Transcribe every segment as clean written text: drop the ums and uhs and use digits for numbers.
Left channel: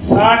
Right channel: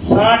60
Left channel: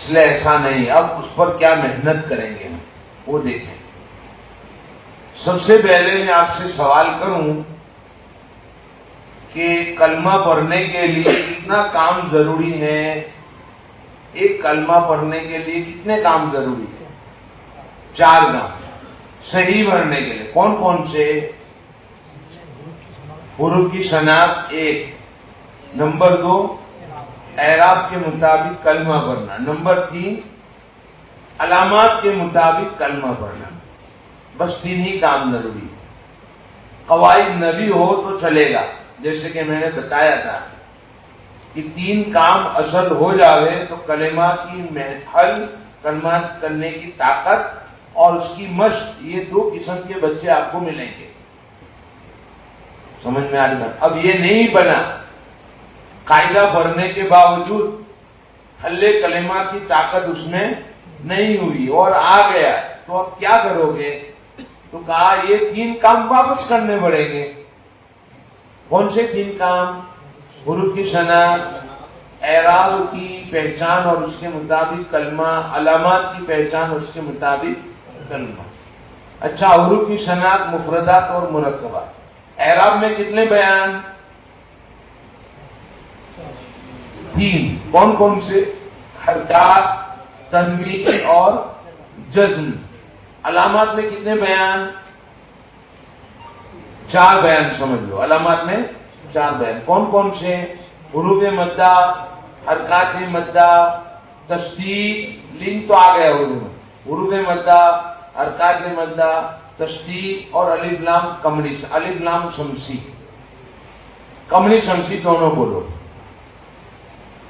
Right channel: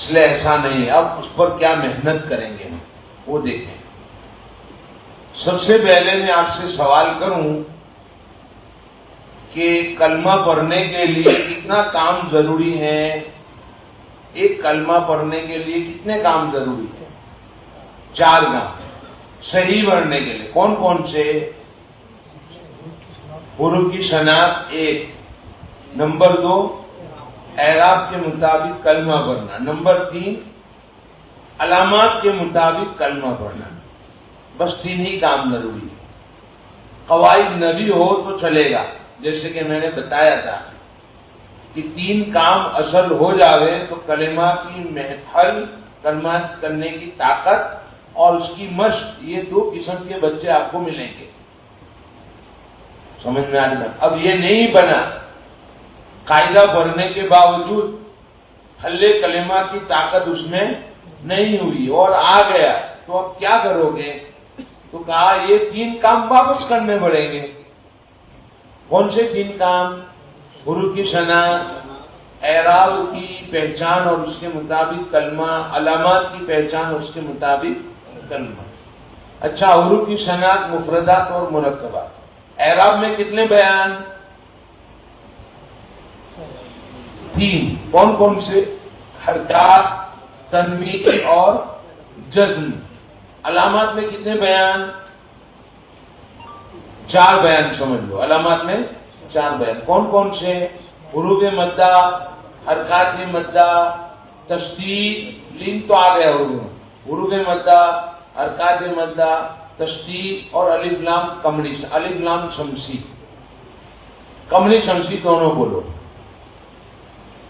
اس لیے ایسا نہیں. اب اس پر کیا محنت کریں گے ہم وہ دیکھیں. سب سے پہلے میں آپ سے سوال کروں کہ کلمہ پڑھنے کے لیے کتنا کام ضروری ہے؟ ایک کلمہ پڑھنے کے لیے کتنے کام ضروری ہے؟ 4 کام صحیح پڑھنے کے لیے. کون کون سے؟ حروف کی شناخت 1، نمبر 2 اعراب کے مطابق کلمہ پڑھنا، نمبر 3 علامات کے مطابق کلمہ پڑھنا. بس 3 ہی کام ضروری ہے. قواعد نہ بھی ہو تو چلے گا، جیسے کہ میں نے بتایا تھا کہ 3 کام اصل ہو جاوے تو کلمات کی حل کلمات کرنے کی طاقت اور اس کی مشق، یہ 2 قسم کے بچے آپ کو ملیں گے. سمجھ میں آ گیا؟ اب یہ نہیں بنا قاعدہ پڑھنے کے باوجود حل کلمات کی طاقت اس میں نہیں ہوئی اور آ گیا، تو اب کیا کرو گے؟ تو کہا یہ 3 کام واپس کرنے پڑیں گے. کون سے 3 کام؟ حروف کی شناخت، اعراب کی پہچان اور اس کے مطابق کلمہ، علامات کی پہچان اور اس کے مطابق کلمہ. اچھا، حروف کی شناخت مفردات اور مرکبات. اعراب میں کتنے بیان؟ 3. کون کون سے؟ حرکات، تنوین اور جزم. علامات میں کتنے بیان؟ 4 بیان سمجھ لو. علامات میں 4 بیان. کون کون سے؟ حروف مدہ، حرکات مدہ، تشدید، لین تو آ گیا حروف مدہ، حرکات مدہ، تشدید اور الف لام قمری، الف لام شمسی، قمری شمسی دونوں بولو.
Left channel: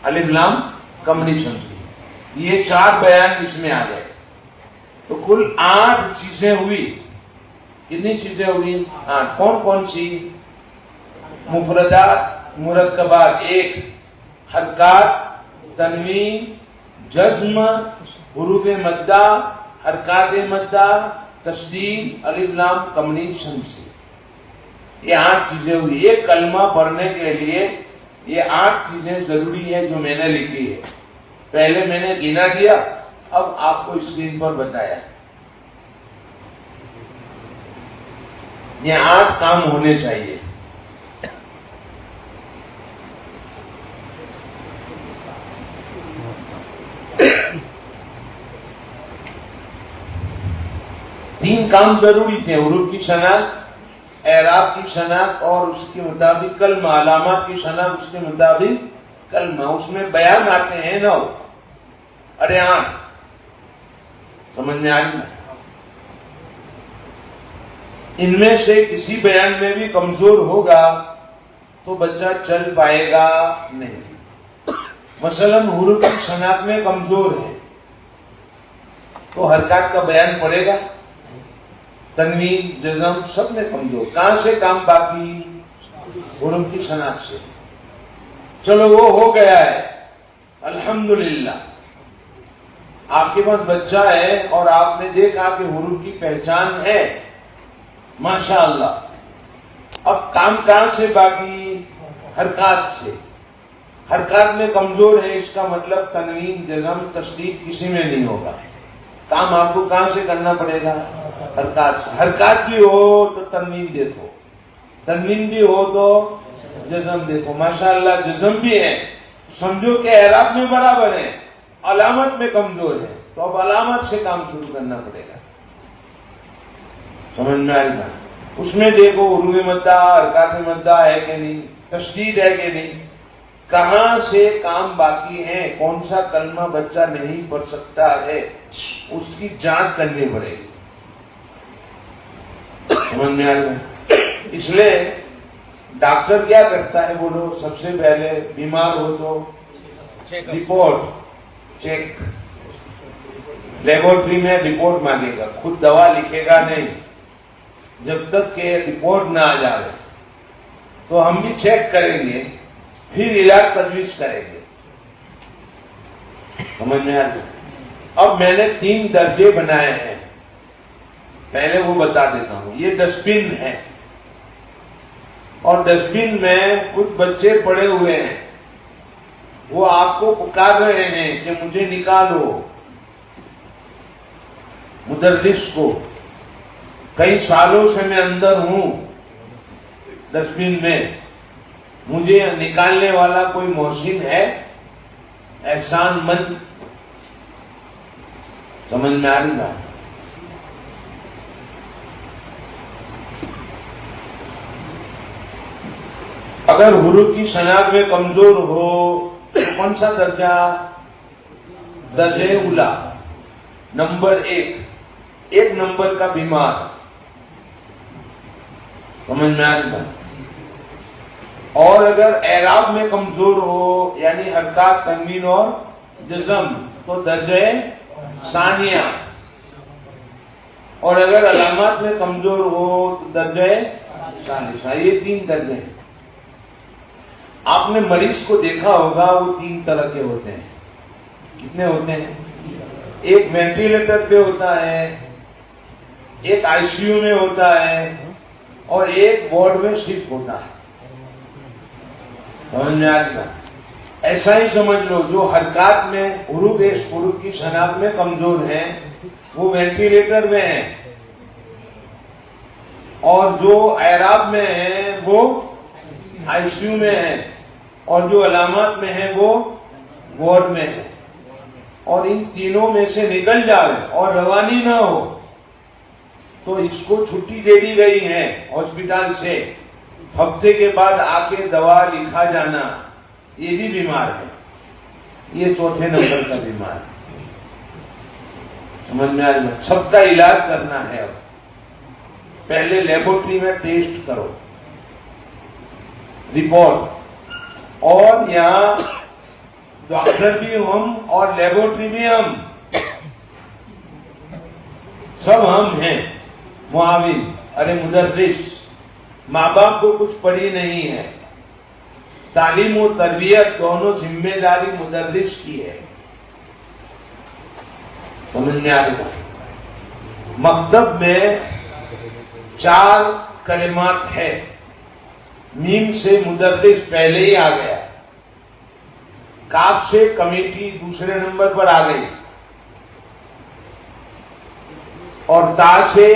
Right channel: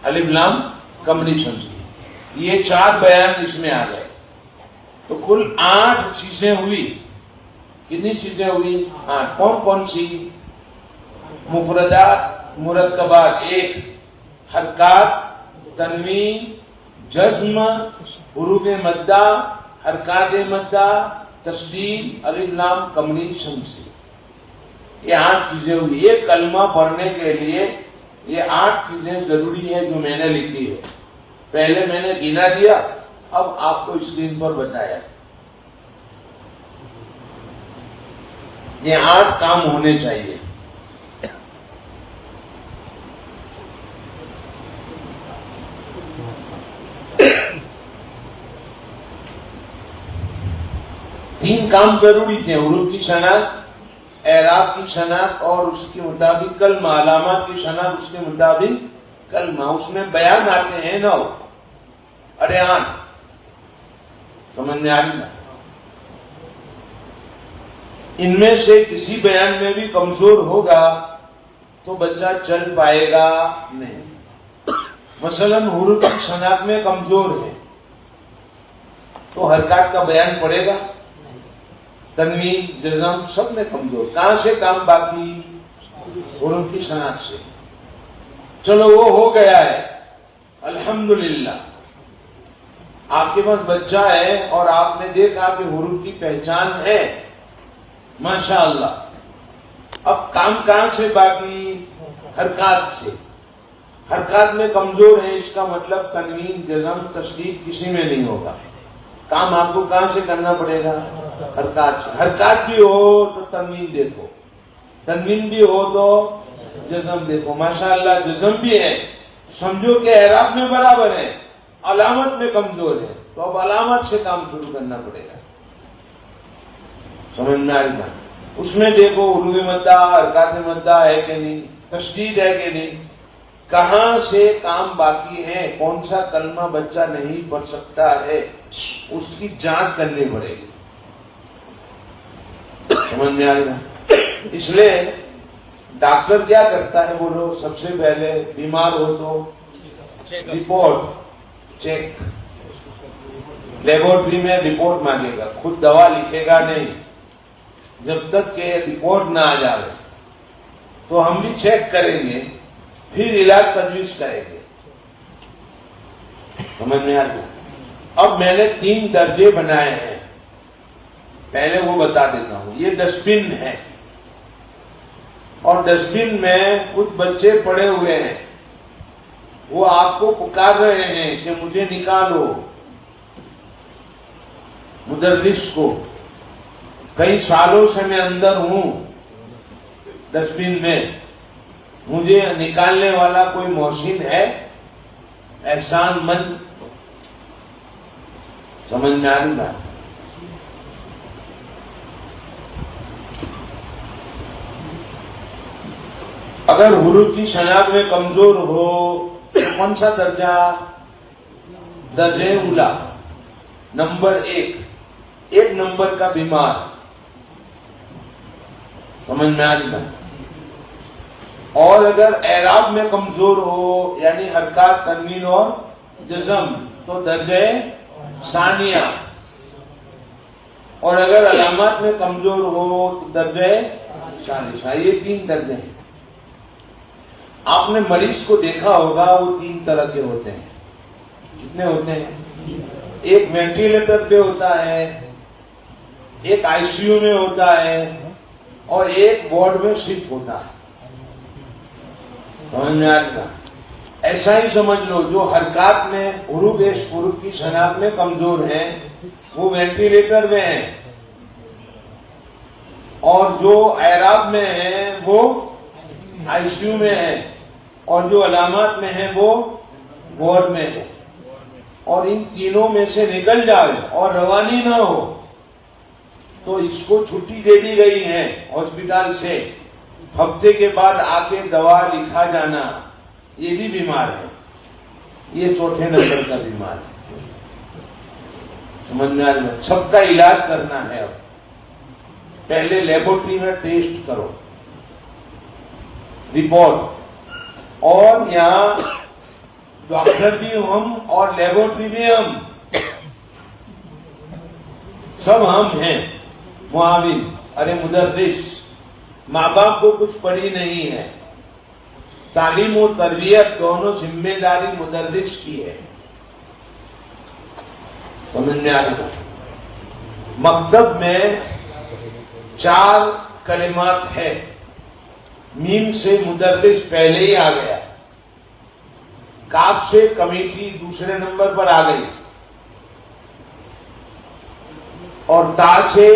الف لام قمری شمسی، یہ 4 بیان اس میں آ گئے. تو کل 8 چیزیں ہوئی. کتنی چیزیں ہوئی؟ 8. کون کون سی؟ مفردات، مرکبات 1، حرکات، تنوین، جزم، حروف مدہ، حرکات مدہ، تشدید، الف لام قمری شمسی. یہ 8 چیزیں ہوئی. ایک کلمہ پڑھنے کے لیے یہ 8 چیزیں ضروری ہے جو میں نے لکھی ہے. پہلے میں نے گنا دیا، اب آپ کو اسکرین پر بتایا. یہ 8 کام ہونے چاہیے. تین کام ضروری تھے: حروف کی شناخت، اعراب کی شناخت اور اس کے مطابق کلمہ، علامات کی شناخت اس کے مطابق کلمہ. اس میں بیان آتے ہیں 9. ارے 8 سمجھ میں آ رہی نا؟ ان میں سے کسی بیان میں بھی کمزور ہوگا تو بچہ چل پائے گا نہیں. مثلا حروف کی شناخت میں کمزور ہے تو حرکات کا بیان پڑے گا. تنوین، جزم سب میں کمزور. کہاں سے کام باقی؟ حروف کی شناخت سے. چلو وہ ہو گیا ہے، الحمدللہ. آپ کے پاس بچہ ہے اور آپ نے دیکھا کہ حروف کی پہچان ہے، ماشاءاللہ. اب کام کہاں سے باقی؟ حرکات سے. حرکات میں کمزور ہے، اس کا مطلب تنوین، جزم، تشدید کسی میں نہیں ہوگا. کام آپ کو کہاں سے کرنا پڑے گا؟ حرکات سے. حرکات بھی ہو تو تنوین دیکھو، تنوین بھی ہو تو جزم دیکھو. ماشاءاللہ جزم بھی ہے، سمجھو کہ اعراب میں برابر ہے، علامت میں کمزور ہے، تو اب علامت سے کام شروع کرنا پڑے گا. سمجھ میں آ رہی بات؟ اس میں دیکھو حروف مدہ، حرکات مدہ ہے کہ نہیں، تشدید ہے کہ نہیں، کہاں سے کام باقی ہے، کون سا کلمہ بچہ نہیں پڑھ سکتا ہے، اس کی جانچ کرنی پڑے گی. سمجھ میں آ رہی ہے؟ اس لیے ڈاکٹر کیا کرتا ہے بولو؟ سب سے پہلے بیمار ہو تو رپورٹ چیک، لیبورٹری میں رپورٹ مانگے گا، خود دوا لکھے گا نہیں جب تک کہ رپورٹ نہ آ جائے. تو ہم بھی چیک کریں گے، پھر علاج تجویز کریں گے. سمجھ میں آ گیا؟ اب میں نے 3 درجے بنائے ہیں، پہلے وہ بتا دیتا ہوں. یہ ڈسٹ بن ہے اور ڈسٹ بن میں کچھ بچے پڑے ہوئے ہیں وہ آپ کو پکار رہے ہیں کہ مجھے نکالو. مدرس کو کئی سالوں سے میں اندر ہوں ڈسٹ بن میں, مجھے نکالنے والا کوئی محسن ہے, احسان مند. سمجھ میں آ رہی بات؟ اگر حروف کی شناخت میں کمزور ہو تو کون سا درجہ؟ درجہ اولا, نمبر 1, 1 نمبر کا بیمار. سمجھ میں آ رہی بات؟ اور اگر اعراب میں کمزور ہو یعنی حرکات, تنوین اور جزم تو درجہ ثانیہ. اور اگر علامات میں کمزور ہو تو درجہ ثالثہ. یہ 3 درجے ہیں. آپ نے مریض کو دیکھا ہوگا, وہ 3 طرح کے ہوتے ہیں. کتنے ہوتے ہیں؟ ایک وینٹیلیٹر پہ ہوتا ہے, ایک آئی سی یو میں ہوتا ہے, اور ایک وارڈ میں شفٹ ہوتا ہے. سمجھ میں آ گیا؟ ایسا ہی سمجھ لو, جو حرکات میں حروف کی شناخت میں کمزور ہیں وہ وینٹیلیٹر میں ہیں, اور جو اعراب میں ہیں وہ آئی سی یو میں ہیں, اور جو علامات میں ہیں وہ وارڈ میں ہیں. اور ان تینوں میں سے نکل جائے اور روانی نہ ہو تو اس کو چھٹی دے دی گئی ہے ہاسپٹل سے. ہفتے کے بعد آ کے دوا لکھا جانا. یہ بھی بیمار ہے, یہ 4تھے نمبر کا بیمار ہے. سمجھ میں آ رہا ہے؟ سب کا علاج کرنا ہے. اب پہلے لیبورٹری میں ٹیسٹ کرو, رپورٹ, اور یہاں ڈاکٹر بھی ہم اور لیبورٹری بھی ہم, سب ہم ہیں معاون. ارے مدرس, ماں باپ کو کچھ پڑھی نہیں ہے. تعلیم و تربیت دونوں ذمہ داری مدرس کی ہے. سمجھ میں آ رہا ہے؟ مکتب میں 4 کلمات ہے. میم سے مدرس پہلے ہی آ گیا, کاف سے کمیٹی دوسرے نمبر پر آ گئی, اور تا سے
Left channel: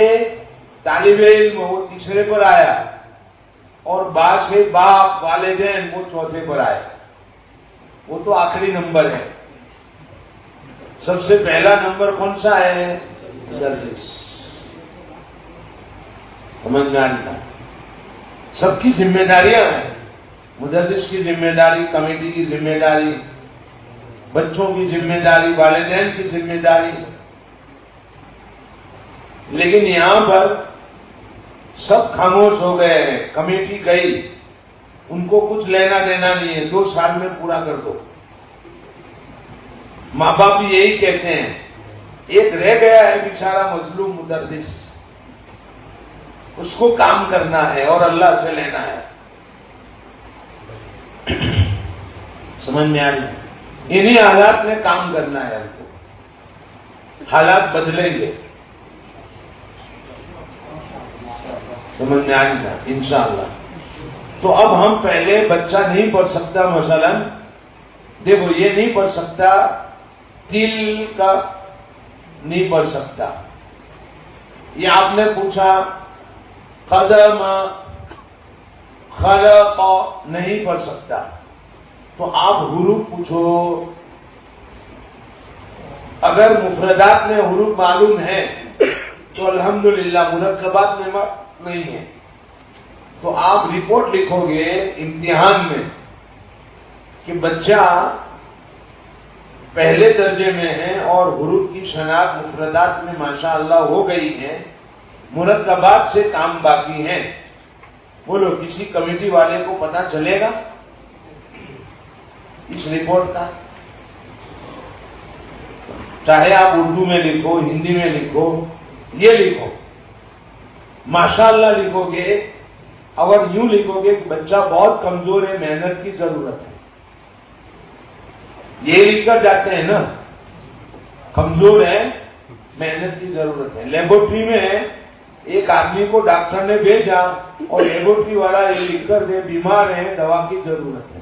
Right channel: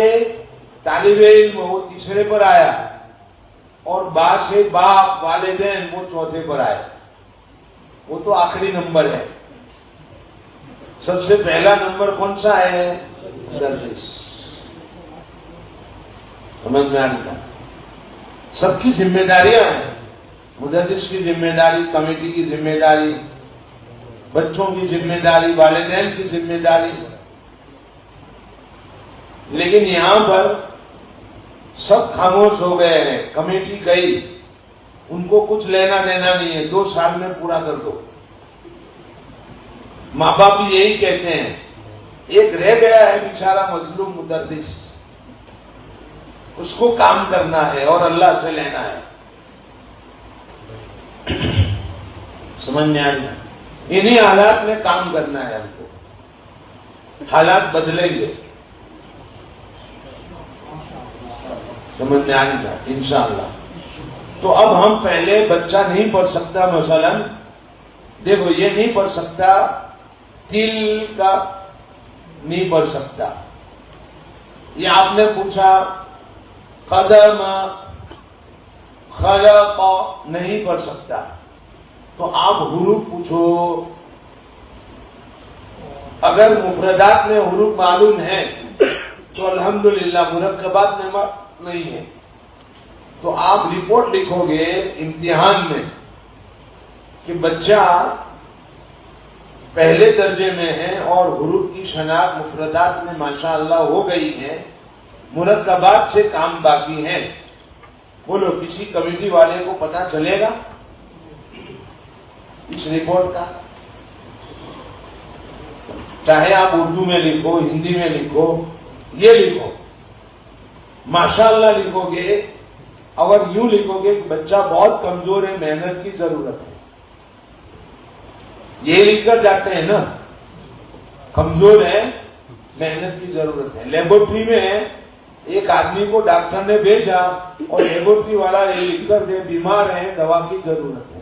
طالب علم وہ تیسرے پر آیا, اور با سے باپ والدین وہ 4تھے پر آئے. وہ تو آخری نمبر ہے. سب سے پہلا نمبر کون سا ہے؟ مدرس. سمجھ میں آ رہا ہے؟ سب کی ذمہ داریاں ہیں. مدرس کی ذمہ داری, کمیٹی کی ذمہ داری, بچوں کی ذمہ داری, والدین کی ذمہ داری. لیکن یہاں پر سب خاموش ہو گئے ہیں. کمیٹی گئی, ان کو کچھ لینا دینا نہیں ہے, 2 سال میں پورا کر دو. ماں باپ بھی یہی کہتے ہیں. ایک رہ گیا ہے بیچارہ مظلوم مدرس, اس کو کام کرنا ہے اور اللہ سے لینا ہے. سمجھ میں آ رہی ہے؟ انہی حالات میں کام کرنا ہے ہم کو. حالات بدلیں گے. سمجھ میں آ رہی ہے؟ انشاءاللہ. تو اب ہم پہلے بچہ نہیں پڑھ سکتا, مثلا دیکھو یہ نہیں پڑھ سکتا, تل کا نہیں پڑھ سکتا. یہ آپ نے پوچھا قدم, خلق نہیں پڑھ سکتا, تو آپ حروف پوچھو. اگر مفردات میں حروف معلوم ہیں تو الحمدللہ, مرکبات میں نہیں ہے تو آپ رپورٹ لکھو گے امتحان میں کہ بچہ پہلے درجے میں ہے اور حروف کی شناخت مفردات میں ماشاءاللہ ہو گئی ہے, مرکبات سے کام باقی ہے. بولو کسی کمیٹی والے کو پتا چلے گا اس رپورٹ کا؟ چاہے آپ اردو میں لکھو, ہندی میں لکھو, یہ لکھو, ماشاءاللہ لکھو گے. اگر یوں لکھو گے کہ بچہ بہت کمزور ہے, محنت کی ضرورت ہے, یہ لکھ کر جاتے ہیں نا, کمزور ہے, محنت کی ضرورت ہے. لیبورٹری میں ایک آدمی کو ڈاکٹر نے بھیجا اور لیبورٹری والا یہ لکھ کر دے بیمار ہے, دوا کی ضرورت ہے.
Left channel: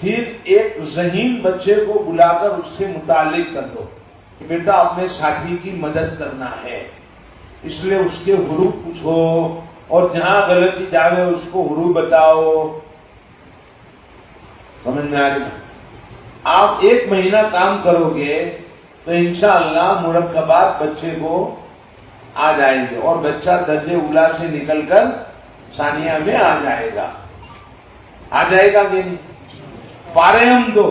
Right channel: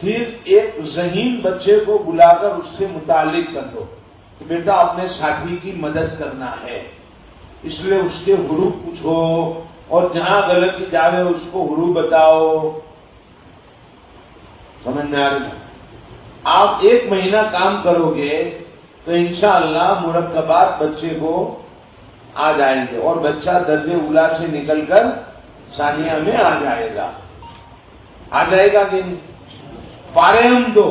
پھر ایک ذہین بچے کو بلا کر اس سے متعلق کر دو کہ بیٹا اپنے ساتھی کی مدد کرنا ہے، اس لیے اس کے حروف پوچھو اور جہاں غلطی جاوے اس کو حروف بتاؤ. سمجھ میں آ رہی؟ آپ 1 مہینہ کام کرو گے تو انشاءاللہ مرکبات بچے کو آ جائیں گے اور بچہ درجے اولا سے نکل کر ثانیہ میں آ جائے گا. آ جائے گا کہ نہیں؟ پارے ہم دو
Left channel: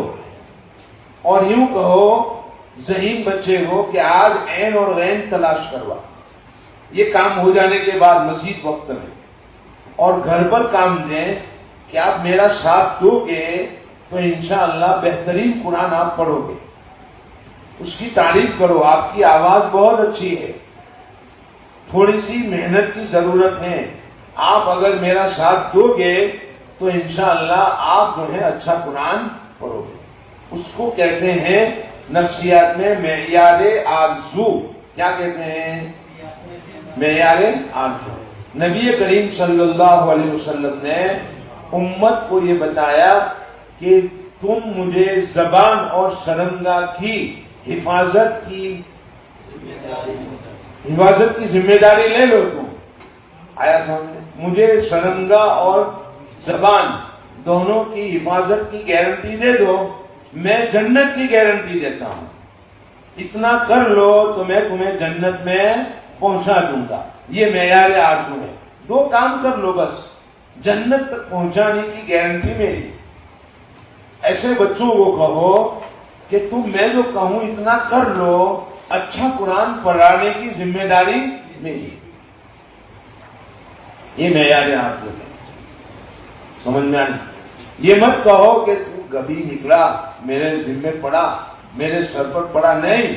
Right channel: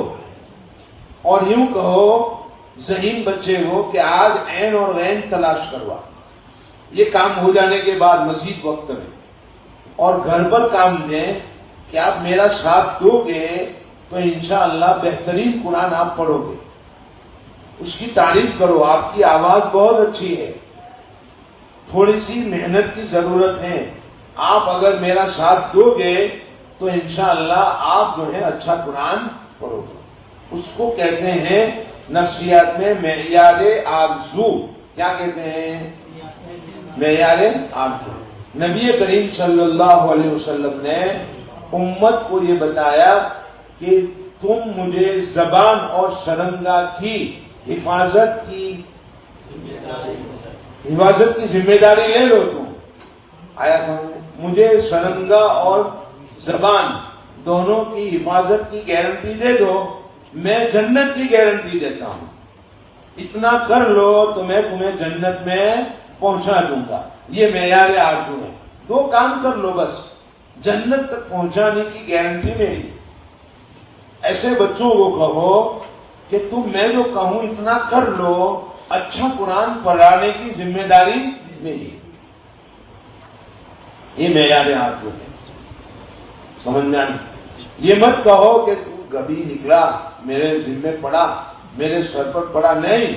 اور یوں کہو ذہین بچے کو کہ آج عین اور غین تلاش کروا. یہ کام ہو جانے کے بعد مزید وقت میں اور گھر پر کام دیں کہ آپ میرا ساتھ دو گے تو انشاءاللہ بہترین قرآن آپ پڑھو گے. اس کی تعریف کرو، آپ کی آواز بہت اچھی ہے، تھوڑی سی محنت کی ضرورت ہے، آپ اگر میرا ساتھ دو گے تو انشاءاللہ آپ جو ہے اچھا قرآن پڑھو گے. اس کو کہتے ہیں نفسیات میں معیار آرزو. کیا کہتے ہیں؟ معیار آرزو. نبی کریم صلی اللہ علیہ وسلم نے امت کو یہ بتایا کہ تم مجھے زبان اور شرمگاہ کی حفاظت کی ذمہ داری لے لو. تم آیا سامنے؟ مجھے شرمگاہ اور زبان دونوں کی حفاظت کی گارنٹی دے دو، میں جنت کی گارنٹی دیتا ہوں. اتنا کر لو تو میں تمہیں جنت میں پہنچا دوں گا. یہ معیار آرزو ہے. 2 کام کر لو بس، جنت تک پہنچانے کی گارنٹی میری. ایسے بچوں کو کہو کہ تم میں جو کہوں اتنا کر لو، اچھا قرآن پڑھانے کی ذمہ داری میری. یہ معیار آرزو ہے. سمجھ میں آنا؟ یہ مت کہو کہ تو کبھی نکلا میرے ذمہ پڑا، میرے سر پر پڑا. نہیں،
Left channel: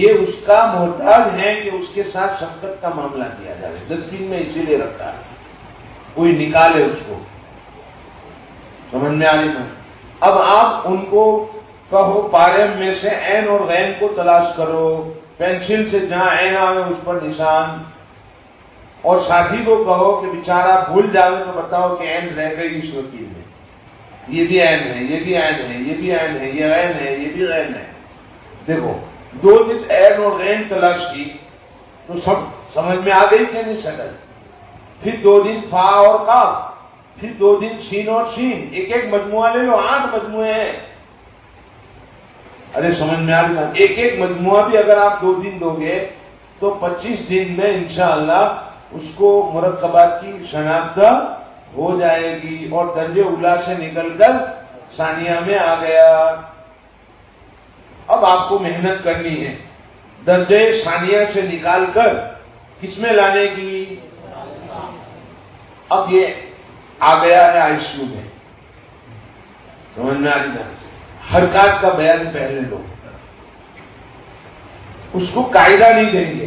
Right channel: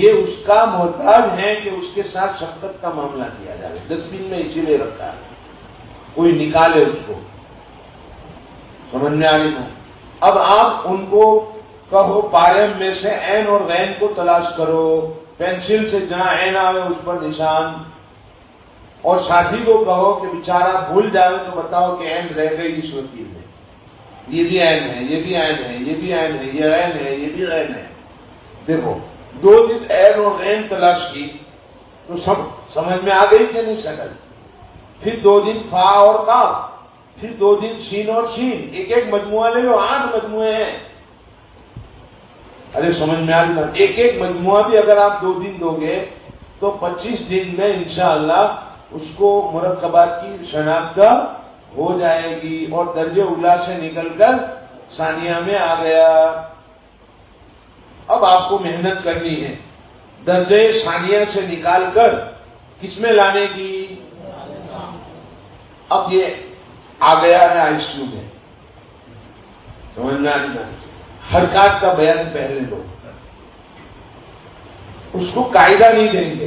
یہ اس کا محتاج ہے کہ اس کے ساتھ شفقت کا معاملہ کیا جائے. ڈسٹ بین میں اسی لیے رکھا ہے، کوئی نکالے اس کو. سمجھ میں آ رہی ہے؟ اب آپ ان کو کہو پاریم میں سے عین اور غین کو تلاش کرو، پینسل سے جہاں عین آوے اس پر نشان. اور ساتھی کو کہو کہ بیچارہ بھول جاوے تو بتاؤ کہ عین رہ گئی اس وکیل میں، یہ بھی عین ہے، یہ بھی عین ہے، یہ بھی عین ہے، یہ عین ہے، یہ بھی عین ہے. دیکھو 2 دن عین اور غین تلاش کی تو سب سمجھ میں آ گئی کہ نہیں شکل. پھر 2 دن فا اور قاف، پھر 2 دن شین اور شین. ایک مجموعہ لے لو، 8 مجموعے ہیں. ارے سمجھ میں آ رہی ہے؟ ایک مجموعہ بھی اگر آپ 2 دن دو گے تو 25 دن میں انشاءاللہ اس کو مرکبات کی شناخت ہو جائے گی اور درجے اولا سے نکل کر ثانیہ میں آ گیا. اب آپ کو محنت کرنی ہے درجے ثانیہ سے نکال کر کس میں لانے کی. اب یہ آ گیا ہے آئی سی یو میں. سمجھ میں آ رہی ہے؟ حرکات کا بیان پہلے لو، اس کو قاعدہ نہیں دیں گے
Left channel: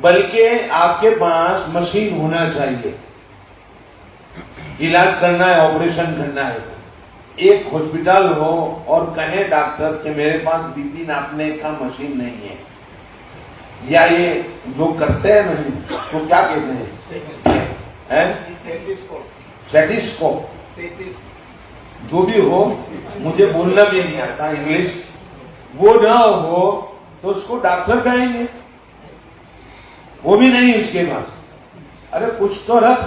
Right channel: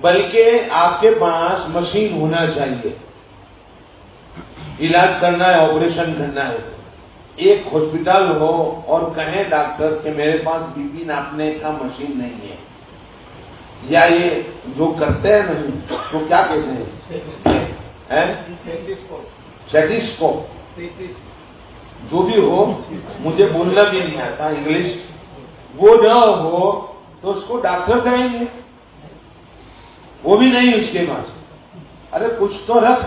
بلکہ آپ کے پاس مشین ہونا چاہیے. علاج کرنا ہے، آپریشن کرنا ہے، ایک ہاسپٹل ہو اور کہے ڈاکٹر کہ میرے پاس بی پی ناپنے کا مشین نہیں ہے، یا یہ جو کرتے ہیں نہیں تو کیا کہتے ہیں سیٹیسکوپ، جو بھی ہو، مجھے بولنا بھی نہیں آتا انگلش، وہ نہ ہو تو اس کو ڈاکٹر کہیں گے. وہ بھی نہیں اس کے پاس. ارے کچھ تو رکھ.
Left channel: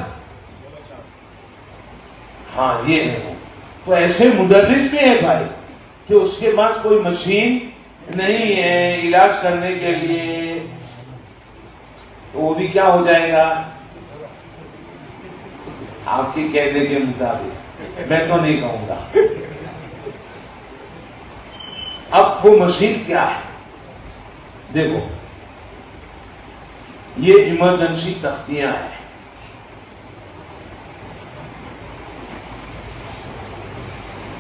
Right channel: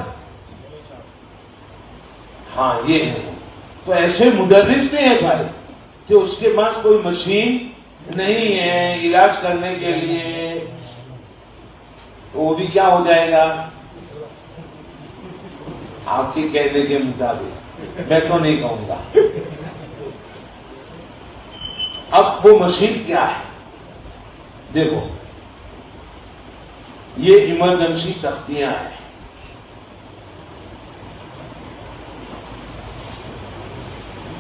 ہاں یہ ہے. تو ایسے مدرس بھی ہے بھائی کہ اس کے پاس کوئی مشین نہیں ہے علاج کرنے کے لیے، تو وہ بھی کیا ہو جائے گا آپ کے کہنے کے مطابق. میں تو نہیں کہوں گا. اب وہ مشین کیا ہے دیکھو، یہ ایمرجنسی تختیاں ہیں.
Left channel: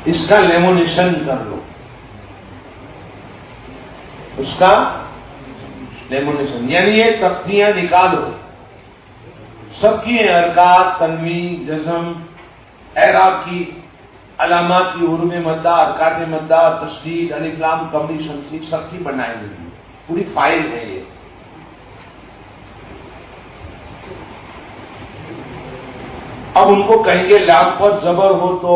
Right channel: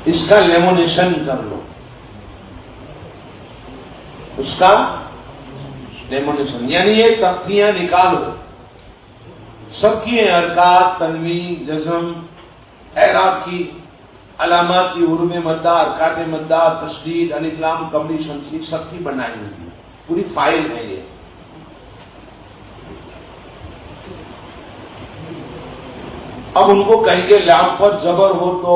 اس کا لیمونیشن کر لو، اس کا لیمونیشن یعنی یہ تختیاں نکالو. سب کی حرکات، تنوین، جزم، اعراب کی علامات کی، حروف مدہ، حرکات مدہ، تشدید، الف لام، قبلی شمسی، سب کی بنائی ہوئی پوری فائل ہے یہ. اب ان کو کہیں گے لام پر زبر ہو تو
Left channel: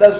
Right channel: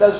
10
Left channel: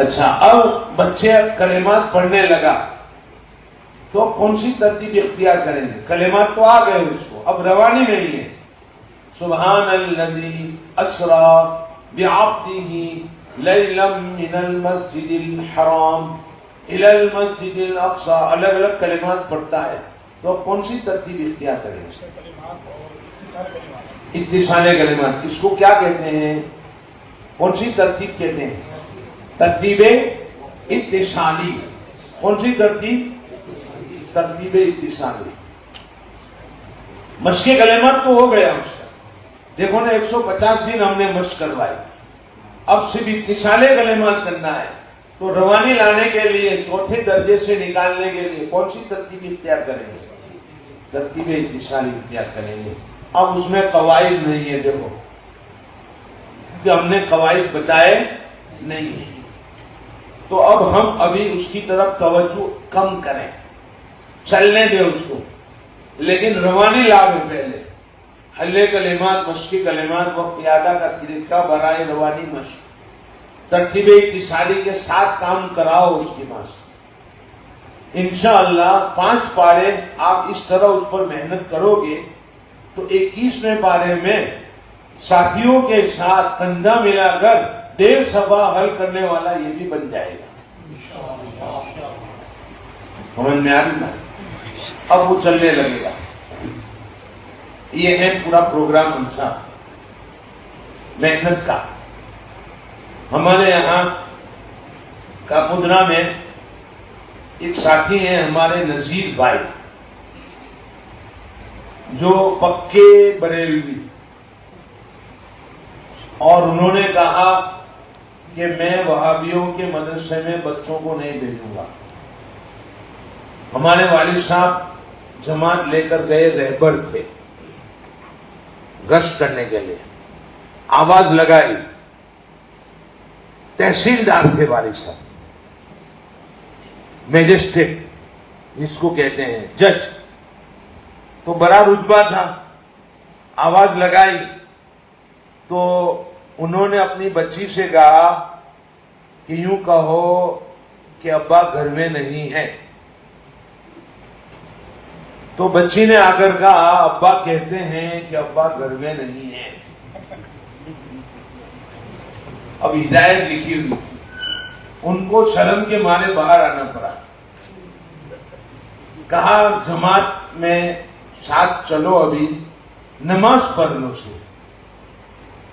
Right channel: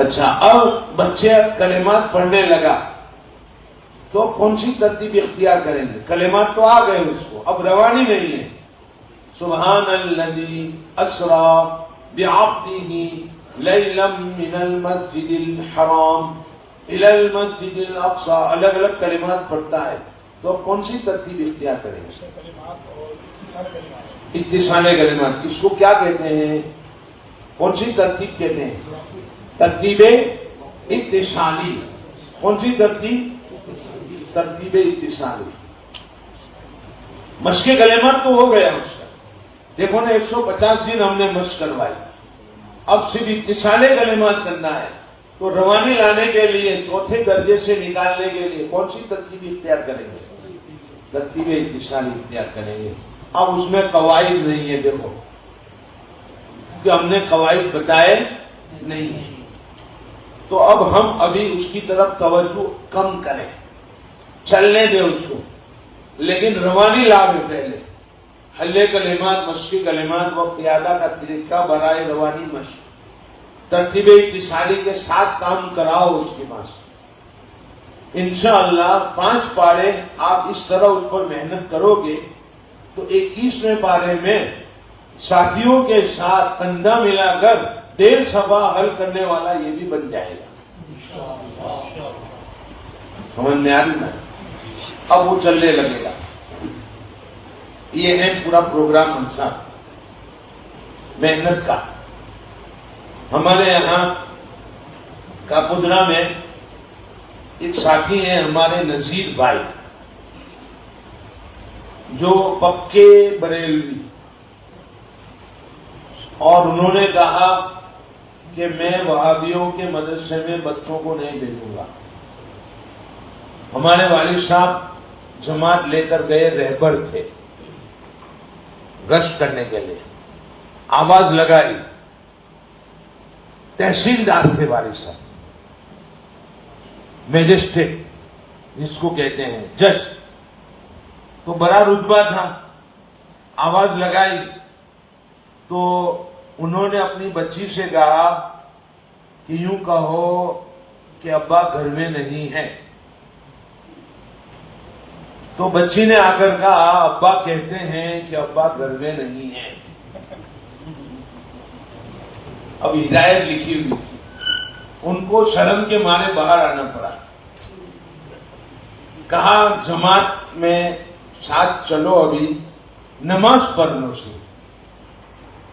اچھا، اب بچے کلمات پڑھنے لگا تو کون سی ترتیب اختیار کریں گے؟ کلمات تو آ گئے اس کو، اب روانی نہیں ہے. سبحان الذی اسری بعبدہ لیلا من المسجد الحرام الی المسجد الاقصی، الگ الگ کلمات پڑھتا ہے. تو اب کون سی ترتیب اختیار کریں گے؟ اتصال کلمات. اس کو کیا کہتے ہیں؟ کون سی ترتیب کہتے ہیں؟ ترتیب اتصالی. کون سی ترتیب؟ ترتیب اتصالی. مشق کلمات تو ہو گیا اس کا، دیکھو نا 150 دن ہم نے مشق کروائی. اب صرف اتصال کلمات کرنا ہے. تو روانی لانے کے لیے، چوتھے درجے سے نکالنے کے لیے کون سی ترتیب اختیار کریں گے؟ ترتیب اتصالی اختیار کریں گے. اب اس میں قواعد نہیں ہے، دیکھو کہ ہم نے قواعد بتائے نہیں ہیں. تو اب ہم ابھی اس کی طرف توجہ کم کریں، چلنے دیں اس کو، لیکن روانی لاؤ پہلے. حل کلمات، مشق کلمات و قیادہ کا طریقہ برائے روانی مشق، ترتیب اتصالی کے ساتھ کام کراؤ اس کے پاس. انشاءاللہ 5 پارے آپ اس طرح اس پر محنت کرو گے تو 21ویں پارے میں ساتھیوں کے ساتھ کندھا ملا کر 1.5 صفحہ حل کرنے والا یہ بھی بن جائے گا. سمجھ میں آ رہی نا؟ اب وہ چلنے لگے گا. یہ ہے پورا پروگرام انسان محنت کا. ہمارے یہاں کاپودرا میں ایک ساتھی ہیں ہمارے نذیر بھائی، جو پکے بریلوی، اور انہوں نے کہا کہ میں وہابیوں کے مدرسے میں بچوں کو نہیں بھیجوں گا. ہمارے والد صاحب جماعت لے کر گئے، رہبر تھے، گشت کرنے کے لیے آواز لگائی. تحصیلدار تھے والد صاحب، میجسٹریٹ جس کو کہتے ہیں، جج، تو بڑا رتبہ تھا. آواز لگائی تو انہوں نے اپنی بچی سے کہا کہ یوں کہو کہ ابا گھر میں نہیں ہے. تو بچی نے آ کر کہا ابا کہتے ہیں کہ ابا گھر میں نہیں ہے. اب ہدایت لکھی ہوئی، ان کو شرم کے مارے باہر آنا پڑا. کہا جماعت میں ساتھ چلو، ابھی نماز پڑھ لو سے.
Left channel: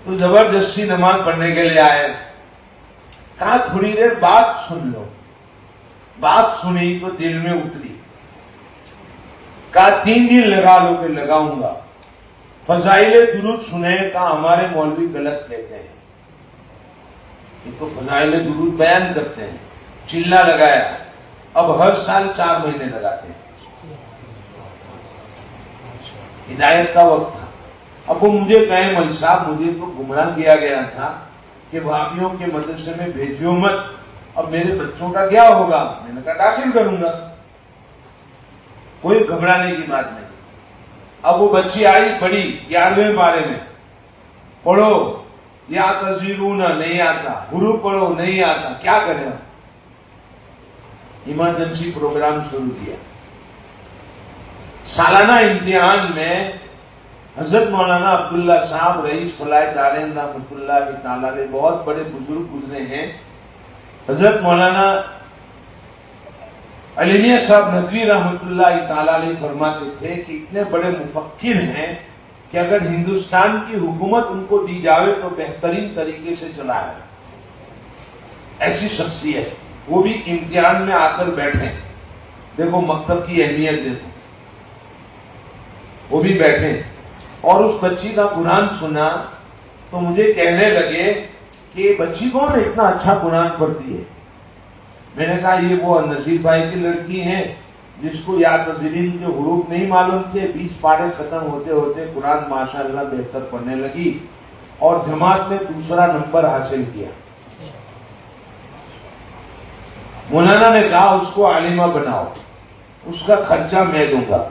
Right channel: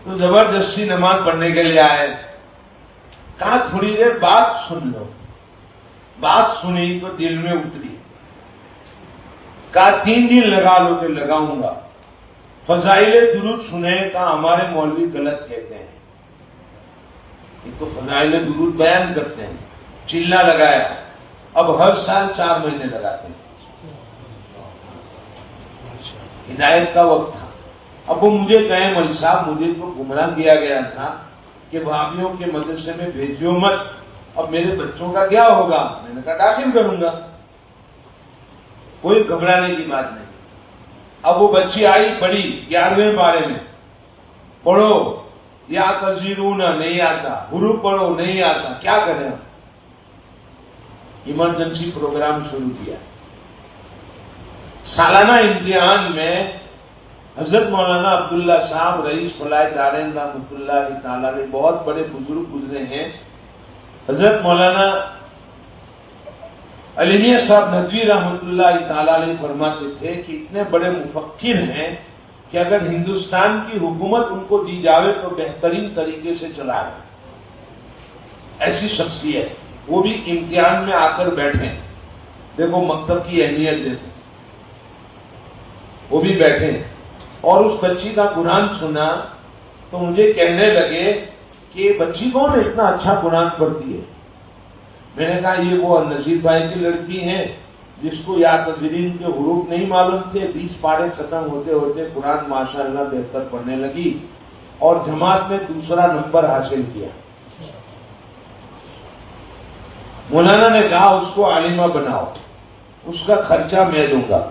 تو زبردستی نماز پڑھنے کے لیے آئے. کہا تھوڑی دیر بات سن لو. بات سنی تو دل میں اتری. کہا 3 دن لگا لو کہ لگاؤں گا. فضائل درود سنے. کہا ہمارے مولوی غلط کہتے ہیں، یہ تو فضائل درود بیان کرتے ہیں. چلا لگایا. اب ہر سال 4 مہینے لگاتے ہیں. ہدایت کا وقت تھا. اب وہ مجھے کہیں مل صاحب مجھے تو گمراہ کیا گیا تھا کہ وہابیوں کے مدرسے میں بھیجو مت، اب میرے بچوں کا کیا ہوگا؟ میں نے کہا داخل کروں گا، کوئی گھبرانے کی بات نہیں. اب وہ بچی آئی بڑی، 11ویں پارے میں پڑھو، یا تذیرون نہیں آتا، حروف پڑھو نہیں آتا، کیا کریں؟ ایمرجنسی پروگرام شروع کیا. سالانہ امتحان میں حضرت مولانا عبداللہ صاحب رئیس فلاح دارین رحمۃ اللہ تعالی علیہ، بہت بڑے بزرگ گزرے ہیں. حضرت مولانا علی میاں صاحب ندوی رحمۃ اللہ تعالی علیہ فرماتے تھے کہ اتنے بڑے مفکر ہیں کہ اگر ہندوستان کی حکومت ان کو دی جاوے تو بہترین طریقے سے چلا ہے. ایسی شخصیت، وہ بھی امتحان میں آ کر بیٹھے. دیکھو مکتب کی اہمیت دیکھو، وہ بھی بیٹھے اور اس بچی کا قرآن سنا تو مجھے کہنے لگے کہ یہ بچی کون ہے اتنا اچھا قرآن پڑھتی ہے؟ میں نے کہا یہ وہ نذیر بھائی کی لڑکی ہے جس کو یا تذرین کے حروف نہیں معلوم تھے. 20 پارے ختم ہوتے ہوتے قرآن ماشاءاللہ بہتر پڑھنے لگی اور جماعت میں 2 نمبر حاصل کیا. مولانا نے کہا اس کو عالمہ بناؤ، اس کا خرچہ میں دوں گا.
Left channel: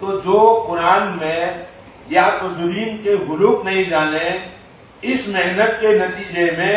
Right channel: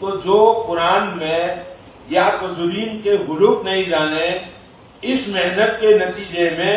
تو جو قرآن میں یا تذرین کے حروف نہیں جانے، اس محنت کے نتیجے میں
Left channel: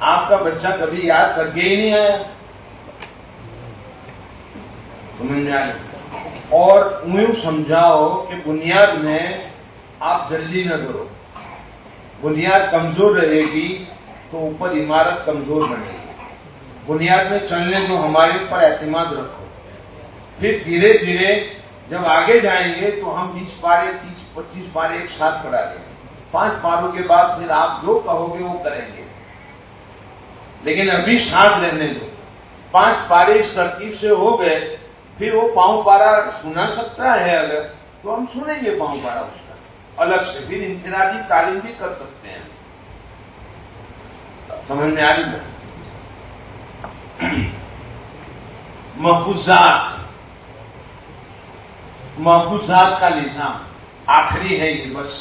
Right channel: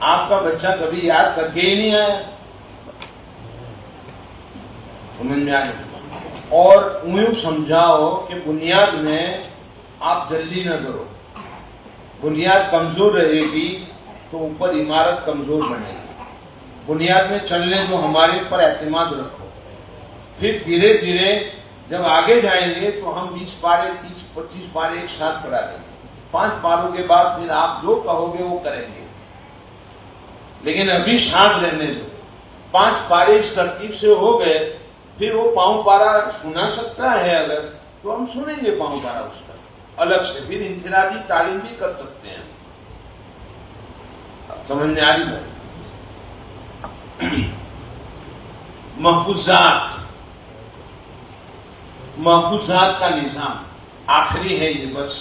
آپ کا بچہ کبھی یاد کر کے ہی نہیں آیا. سمجھ میں آئے. اور یوں سمجھاؤ کہ بنیاد میں آپ جلدی نہ کرو. بنیاد کمزور رہے گی تو اوپر عمارت کمزور بنے گی. بنیاد میں چلنے دو, ہمارے اوپر اعتماد رکھو. پھر دھیرے دھیرے جب آگے جائیں گے تو ہم 20 پارے 30-25 پارے ایک ساتھ کرا لیں گے. 5 پاروں کے بعد پھر آپ جو کہو گے وہ کریں گے. لیکن ابھی ساتھ رہنے دو. 5 پارے اس ترتیب سے ہو گئے, پھر وہ پاؤں پارا سنا سکتا ہے اگر, تو ہم سنیں گے پاؤں پارا اس کا الگ سے. پھر انفرادی تعلیم بھی کر سکتے ہیں. سمجھ میں آ رہی ہے. محفوظات کا نظام آخری ہے یہ, بس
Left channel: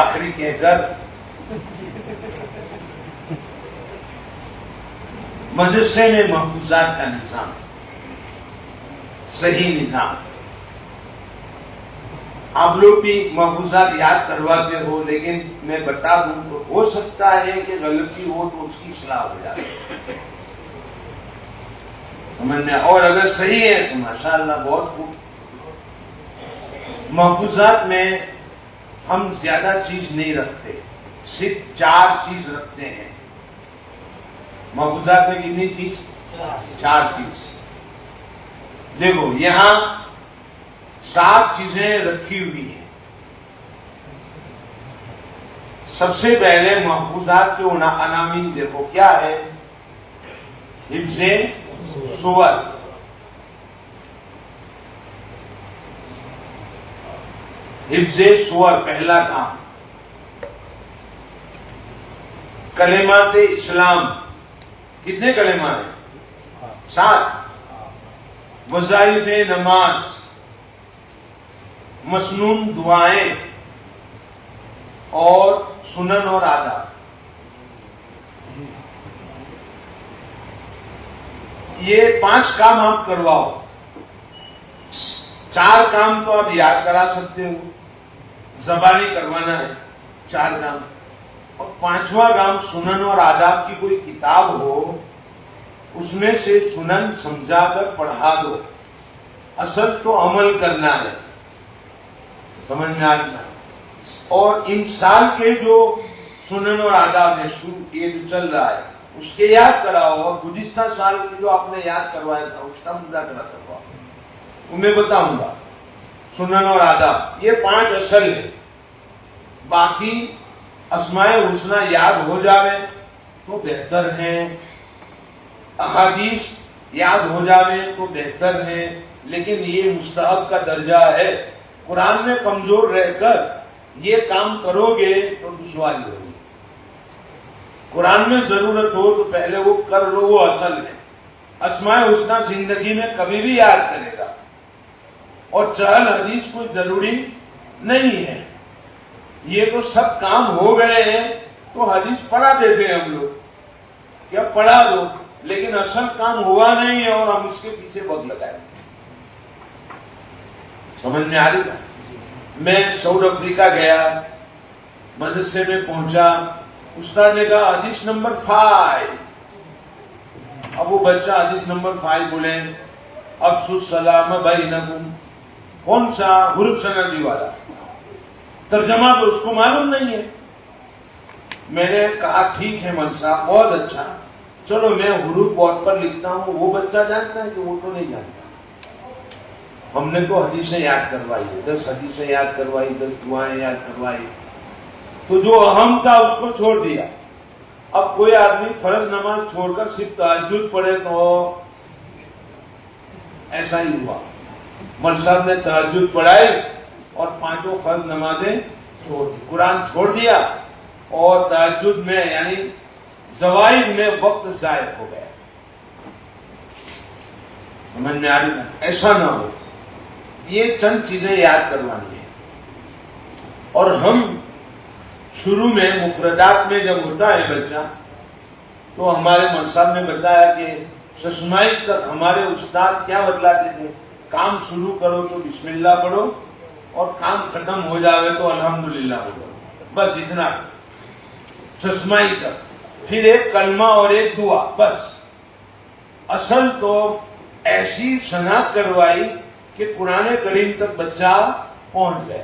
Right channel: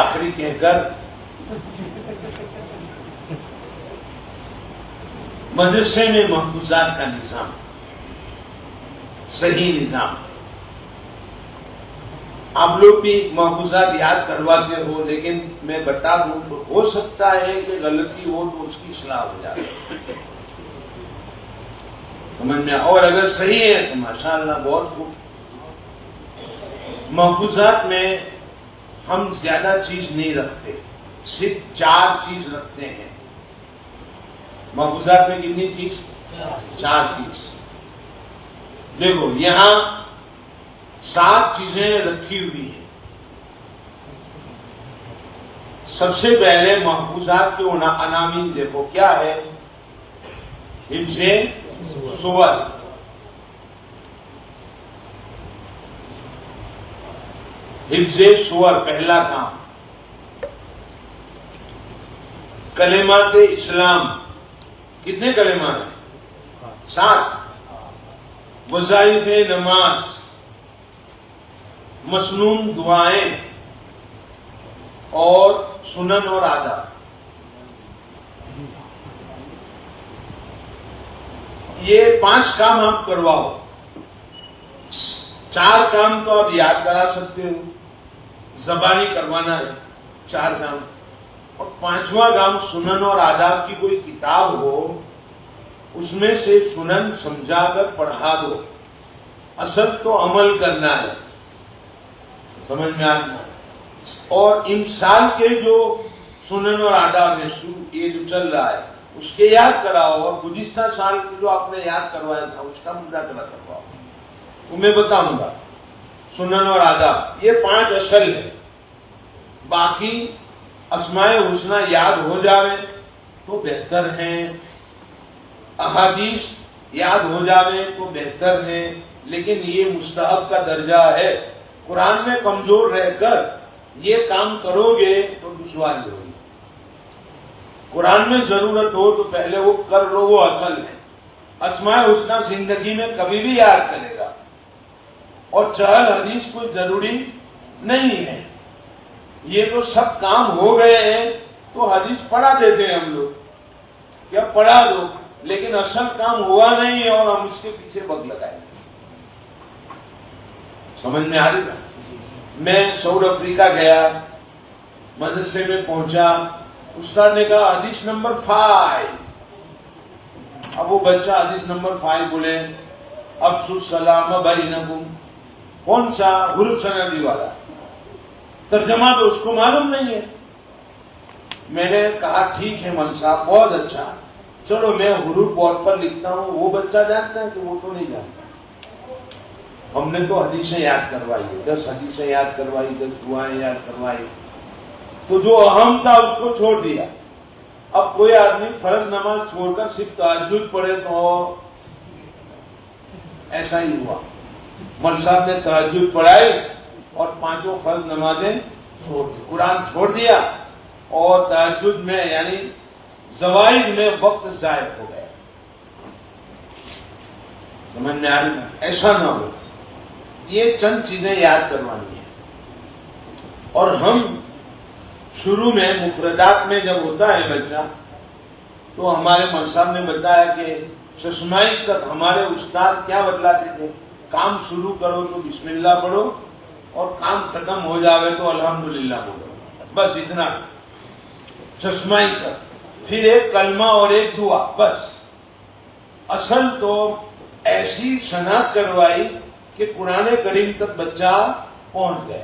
آخری کہہ کر مدرسے میں محفوظات کا نظام, صحیح نظام. آپ لوگ بھی محفوظات یاد کرواتے ہو, لیکن میں بتا دوں تو ہو سکتا ہے کہ غلطی ہو تو اس کی اصلاح ہو جائے. سمجھ میں, اور اگر صحیح ہے تو ماشاءاللہ بہت خوب. محفوظات میں ہم زیادہ چیز نہیں رکھتے, صرف 4 چیز رکھتے ہیں. محفوظات میں کتنی چیز؟ 4 چیز. دیکھو یہاں 7 چیزیں رکھی ہوئی ہیں. سب سے پہلے محفوظات کے عناوین دیکھو کیا ہے. حفظ سور, حفظ سور پہلا کام. کلمات اسلام, کتنے کلمہ ہیں؟ 7. وظائف نماز, مسنون دعائیں اور سنن اور آداب. یہ 5 کام آپ کرواؤ. 4 کام تو آپ یاد کرا سکتے ہو, زبانی کروانا ہے 4 کام. اور 5واں کام سنن اور آداب کی کوئی کتاب ہو, اس میں سے سنن سمجھا کر پڑھا دو. اصل تو عمل کرنا ہے. سمجھ میں آ رہا. اور ان سال کے جو سنن اور آداب ہیں, یہ جو چل رہا ہے اس کے یاد کراؤ, اور گزشتہ سال کے جو آپ نے یاد کروایا تھا اس کا مذاکرہ کرواؤ. تو میں بتاؤں گا سنن اور آداب یہ 5 اصل ہیں. باقی اسماء حسنہ یاد ہو جاوے تو بہتر ہیں, احادیث یاد ہو جاوے تو بہتر ہیں, لیکن یہ مستحب کا درجہ ہے. قرآن میں کمزور رہ کر یہ کام کرو گے تو دشواری ہوگی. قرآن میں ضرورت ہو تو پہلے وہ کر لو, وہ اصل ہے. اسماء حسنہ زندگی میں کبھی بھی یاد کرے گا, اور چہل حدیث کوئی ضروری نہیں ہے. یہ تو سب کام ہو گئے ہیں تو حدیث پڑھا دیتے ہیں ہم لوگ, کیا پڑھا دو, لیکن اصل کام ہوا نہیں ہے اور ہم اس کے پیچھے وقت لگائیں گے. سمجھ میں آ رہی ہے. میں ساؤتھ افریقہ گیا, مدرسے میں پہنچا, استاد نے کہا حدیث نمبر 5. اب وہ بچہ حدیث نمبر 5 بولے, افسو السلام بینکم. کون سا؟ حروف سندی والا. ترجمہ تو اس کو معلوم نہیں ہے. میں نے کہا ٹھیک ہے مل صاحب, بہت اچھا, چلو میں حروف بورڈ پر لکھتا ہوں. وہ بچہ جانتا ہے کہ وہ تو نہیں جانتا. ہم نے تو حدیثیں یاد کروائی, 10 حدیثیں یاد کروائی, 10 دعائیں یاد کروائی. تو جو اہم تھا اس کو چھوڑ دیا. اب کوئی آدمی فرض نماز چھوڑ کر صرف تہجد پڑھے تو ایسا ہی ہوا. مل صاحب نے تہجد پڑھائی اور 5 فرض نمازیں چھوڑ دی, قرآن چھوڑ دیا, اور تہجد میں یعنی زوائد میں وقت ضائع ہو گیا. سمجھ میں آ رہی ہے. ایسا نہ ہو. یہ چند چیزیں یاد کروانی ہیں. اور ہم شروع میں مفردات میں جب ہوتا ہے بچہ, تو ہمارے مول صاحب نے بتایا کہ ششمائی تک ہمارے استاد کیا بتلاتے تھے, کام شروع کرو تو بسم اللہ پڑھو, اور کام ختم ہو جائے تو الحمدللہ بولو, بس اتنا. چشمائی کر، پھر ایک کلمہ اور ایک دعا، بس. اصل تو ایسی شناخت کروائی کہ قرآن کریم تک بچہ پہنچ گیا.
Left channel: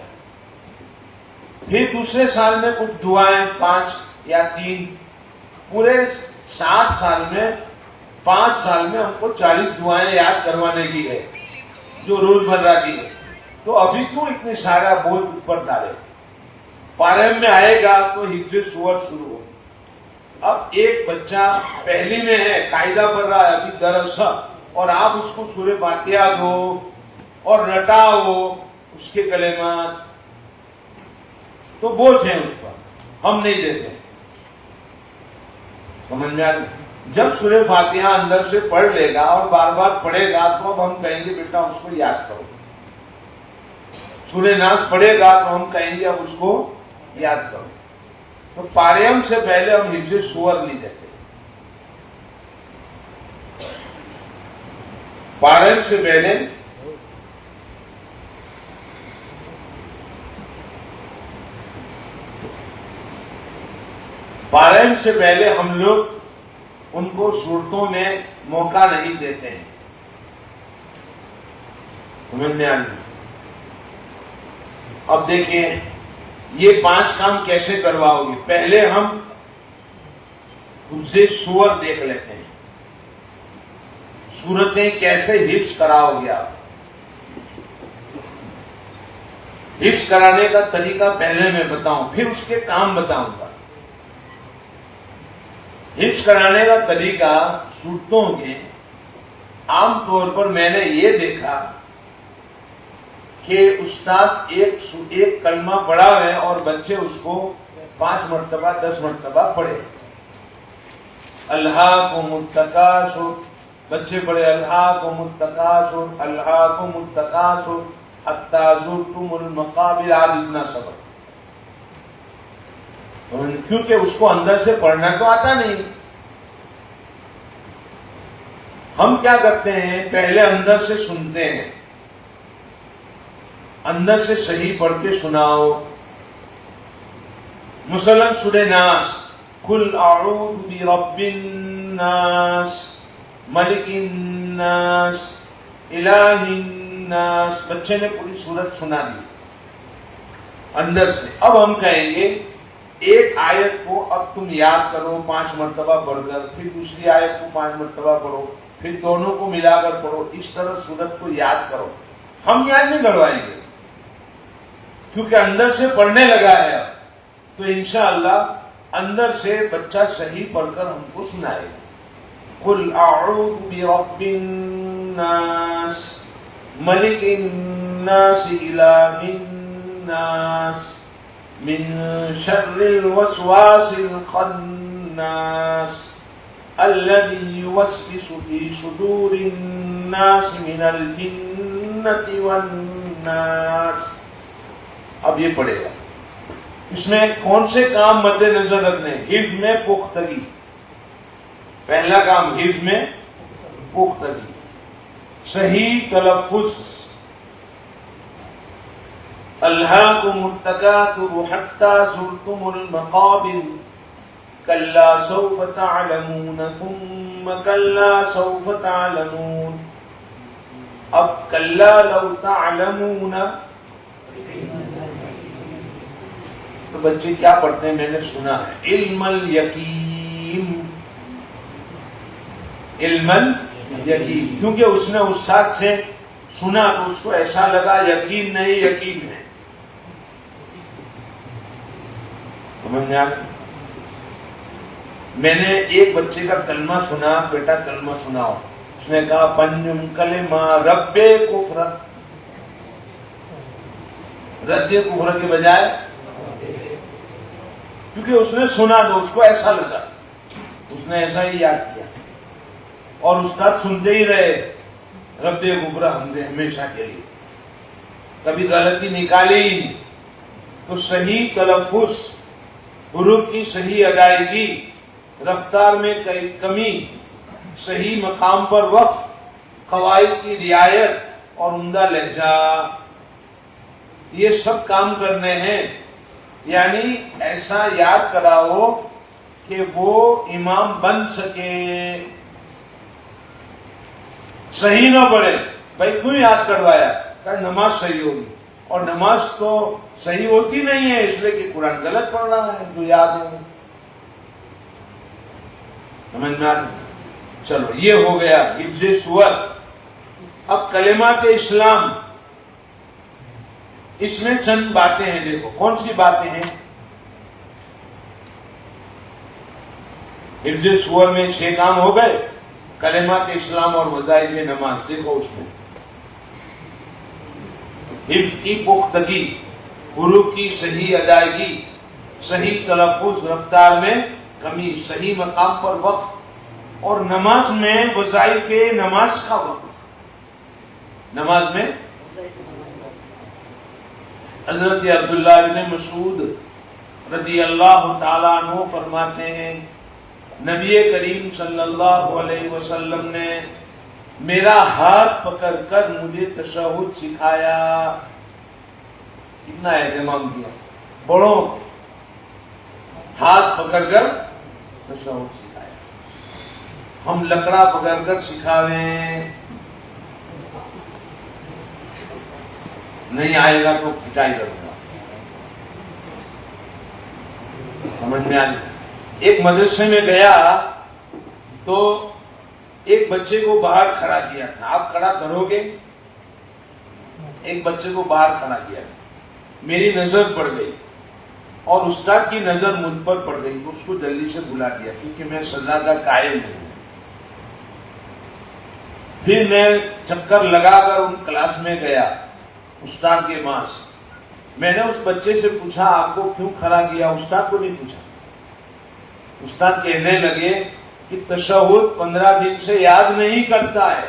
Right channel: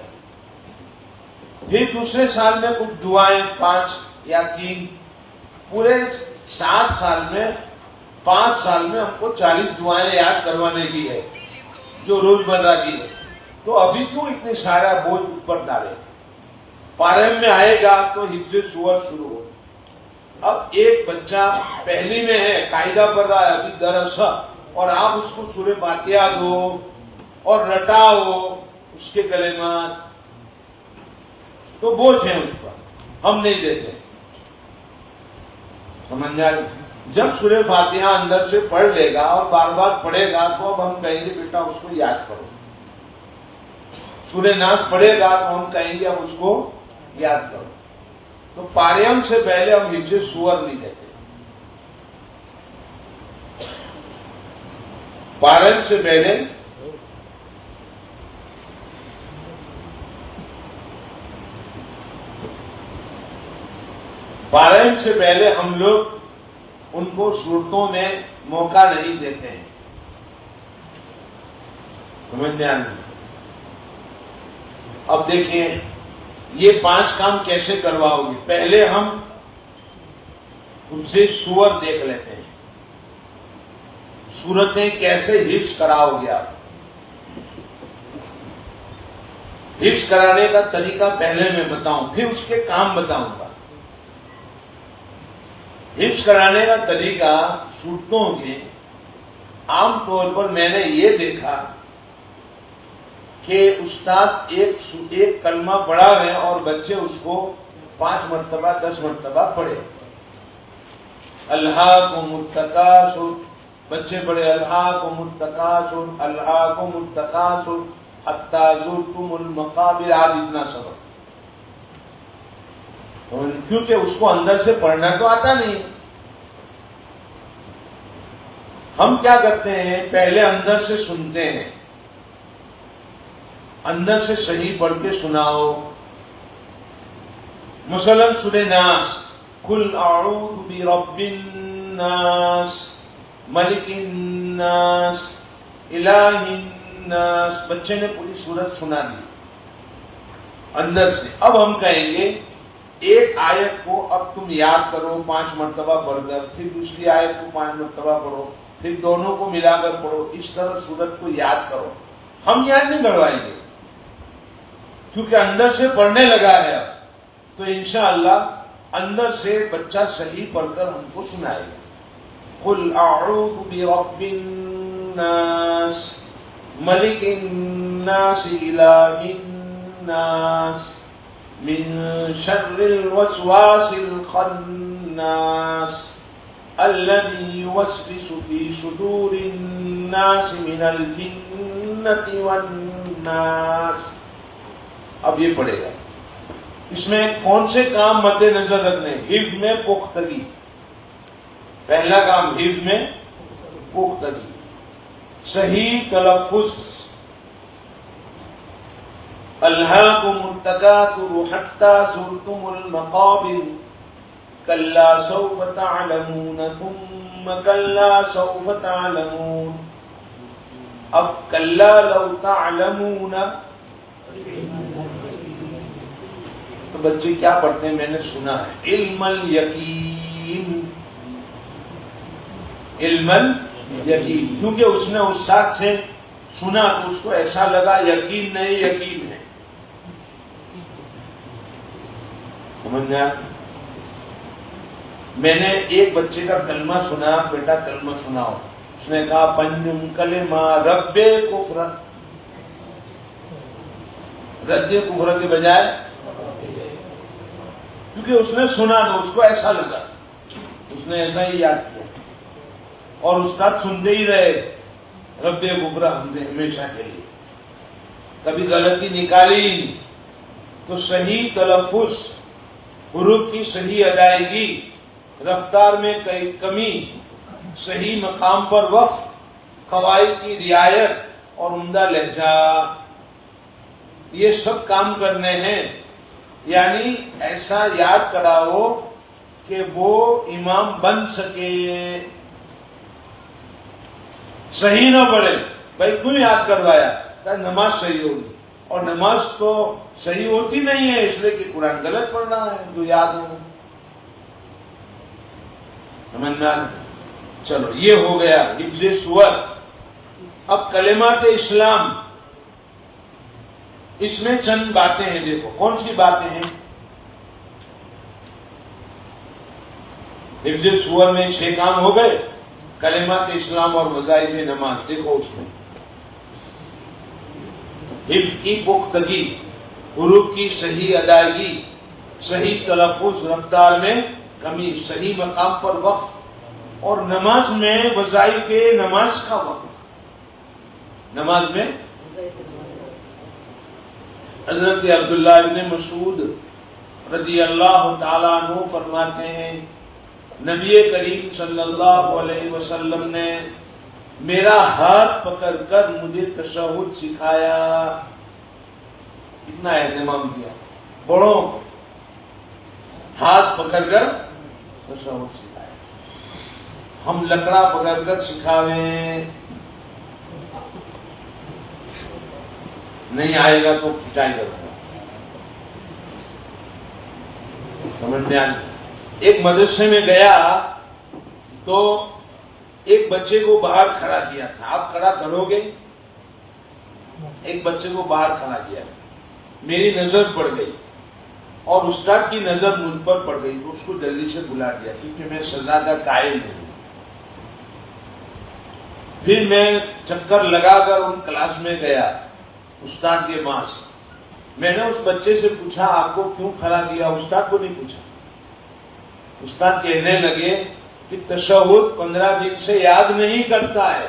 پھر دوسرے سال میں کچھ دعائیں 5 یا 3، پورے 60 سال میں 5 سال میں ہم کو 40 دعائیں یاد کروانے کی ہے جو روز مرہ کی ہے. تو ابھی کیوں اتنے سارا بوجھ اوپر ڈالے؟ پارم میں آئے گا تو حفظ سور شروع ہو. اب ایک بچہ پہلی میں ہے، قاعدہ پڑھ رہا ہے ابھی درس، اور آپ اس کو سورہ فاتحہ دو اور رٹاؤ اس کے کلمات، تو بوجھ ہیں اس پر، ہم نہیں دیتے. سمجھ میں آ گئی؟ جب سورہ فاتحہ اندر سے پڑھ لے گا اور بار بار پڑھے گا تو اب ہم کہیں گے بیٹا اس کو یاد کرو. سورہ ناس پڑھے گا تو ہم کہیں گے اب اس کو یاد کرو. تو پاریم سے پہلے ہم حفظ سور نہیں دیتے. پاریم سے پہلے ہم لوگ ان کو صورتوں میں موقع نہیں دیتے ہیں. سمجھ میں آنے. اب دیکھیں یہ 5 کام کیسے کرواؤ گے. پہلے ہم ان سے سور دیکھ لیتے ہیں، صورتیں کیسے حفظ کراؤ گے آپ. حفظ کرانے کا طریقہ پہلے میں بتاؤں، پھر اس کے کام بتاؤں گا. حفظ کرانے کا طریقہ صورتوں کے عام طور پر میں نے یہ دیکھا کہ استاد ایک کلمہ پڑھا ہے اور بچے اس کو 5 مرتبہ 10 مرتبہ پڑھے. الہاکم التکاثر، بچے پڑھے الہاکم التکاثر الہاکم التکاثر حتی زرتم المقابر. آپ اتنا سبق، کیونکہ اس کو اندر سے پڑھنا تو آتا نہیں. ہم کیا کرتے ہیں، پہلے اندر سے سنتے ہیں، اندر سے صحیح پڑھ کے سناؤ. مثلا سورہ ناس، قل اعوذ برب الناس ملک الناس الہ الناس، بچے نے پوری سورت سنا دی اندر سے. اب ہم کہیں گے ایک آیت کو اب تم یاد کرو 5 مرتبہ پڑھ کر، پھر دوسری آیت کو 5 مرتبہ پڑھو، پھر دونوں کو ملا کر پڑھو. اس طرح سورت کو یاد کرو. ہم یاد نہیں کروائیں گے کیونکہ اندر سے پڑھنے لگا ہے. تو انشاءاللہ اندر سے بچہ صحیح پڑھ کر ہم کو سنائے گا. قل اعوذ برب الناس ملک الناس الہ الناس من شر الوسواس الخناس الذي يوسوس في صدور الناس من الجنة والناس. اب یہ پڑھے گا. اس میں کون سے کام مد نظر رکھنے؟ حفظ میں پختگی. پہلا کام حفظ میں پختگی، صحیح تلفظ. الہاکم التکاثر حتی زرتم المقابر کلا سوف تعلمون ثم کلا سوف تعلمون. اب کلا لو تعلمون، تو بچے کیا پڑھتے ہیں میں نے سنا ہے، علم الیقین. علم الیقین، کیونکہ اس نے استاد سے سنا تو اس کو ایسا لگا یقین نہیں یقین ہے. سمجھ میں آ؟ میں نے ایک بچے کا کلمہ سنا، بیٹا کلمہ سناؤ. اس نے کہا پنجم کلمہ رب کفر. رد کفر کے بجائے، کیونکہ اس نے سنا تو اس کو ایسا لگا، اس نے ایسا ہی یاد کیا. اور استاد سنتے ہی رہے رب کفر ہم نے ہمیشہ کے لیے، کبھی غلطی نکالی ہی نہیں. تو صحیح تلفظ، حروف کی صحیح ادائیگی، رفتار میں کمی، صحیح مقام پر وقف، قواعد کی رعایت اور عمدہ لہجہ، یہ سب کام کرنے ہیں. یعنی ایسا یاد کراؤ کہ وہ امام بن سکے. صحیح نہ پڑھے. بھائی کیوں یاد کروایا؟ کہ نماز صحیح ہوگی. اور نماز تو صحیح ہوتی نہیں ہے اس لیے کہ قرآن غلط پڑھ رہا ہے جو یاد ہے. سمجھ میں آ رہا؟ چلو یہ ہو گیا حفظ سور. اب کلمات اسلام، اس میں چند باتیں ہیں. دیکھو کون سی باتیں ہیں. حفظ سور میں 6 کام ہو گئے. کلمات اسلام اور وظائف نماز دیکھو اس میں حفظ کی پختگی، حروف کی صحیح ادائیگی، صحیح تلفظ، رفتار میں کمی، صحیح مقام پر وقف، اور نماز میں وظائف نماز کا وقت. نماز میں حضرت عبداللہ ابن مسعود رضی اللہ تعالیٰ عنہ فرماتے ہیں نبی کریم صلی اللہ علیہ وسلم نے میرا ہاتھ پکڑ کر مجھے تشہد سکھایا. اتنا اہتمام کیا. بڑوں ہاتھ پکڑ کر تشہد سکھایا. ہم لکڑا پکڑ کر سکھاویں، نہیں آئے گا تو پٹائی کروں گا. سمجھ میں آئی. ایک مدرسے میں گیا تو ایک بچے کو باہر کھڑا کیا تھا. آپ کھڑا کرو گے؟ ایک بچے کو باہر کھڑا کیا تھا. میری نظر پڑ گئی اور استاد کی نظر مجھ پر پڑ گئی تو اس کو جلدی سے بلا دیا کیونکہ میں سزا کا قائل ہوں. پھر میں چکر لگا کر ان کلاس میں گیا استاد کے پاس. میں نے اس بچے سے پوچھا آپ کو کیوں کھڑا کیا؟ استاد کو نہیں پوچھا. استاد کہنے لگے کہ تشہد 15 دن سے یاد نہیں کرتا ہے.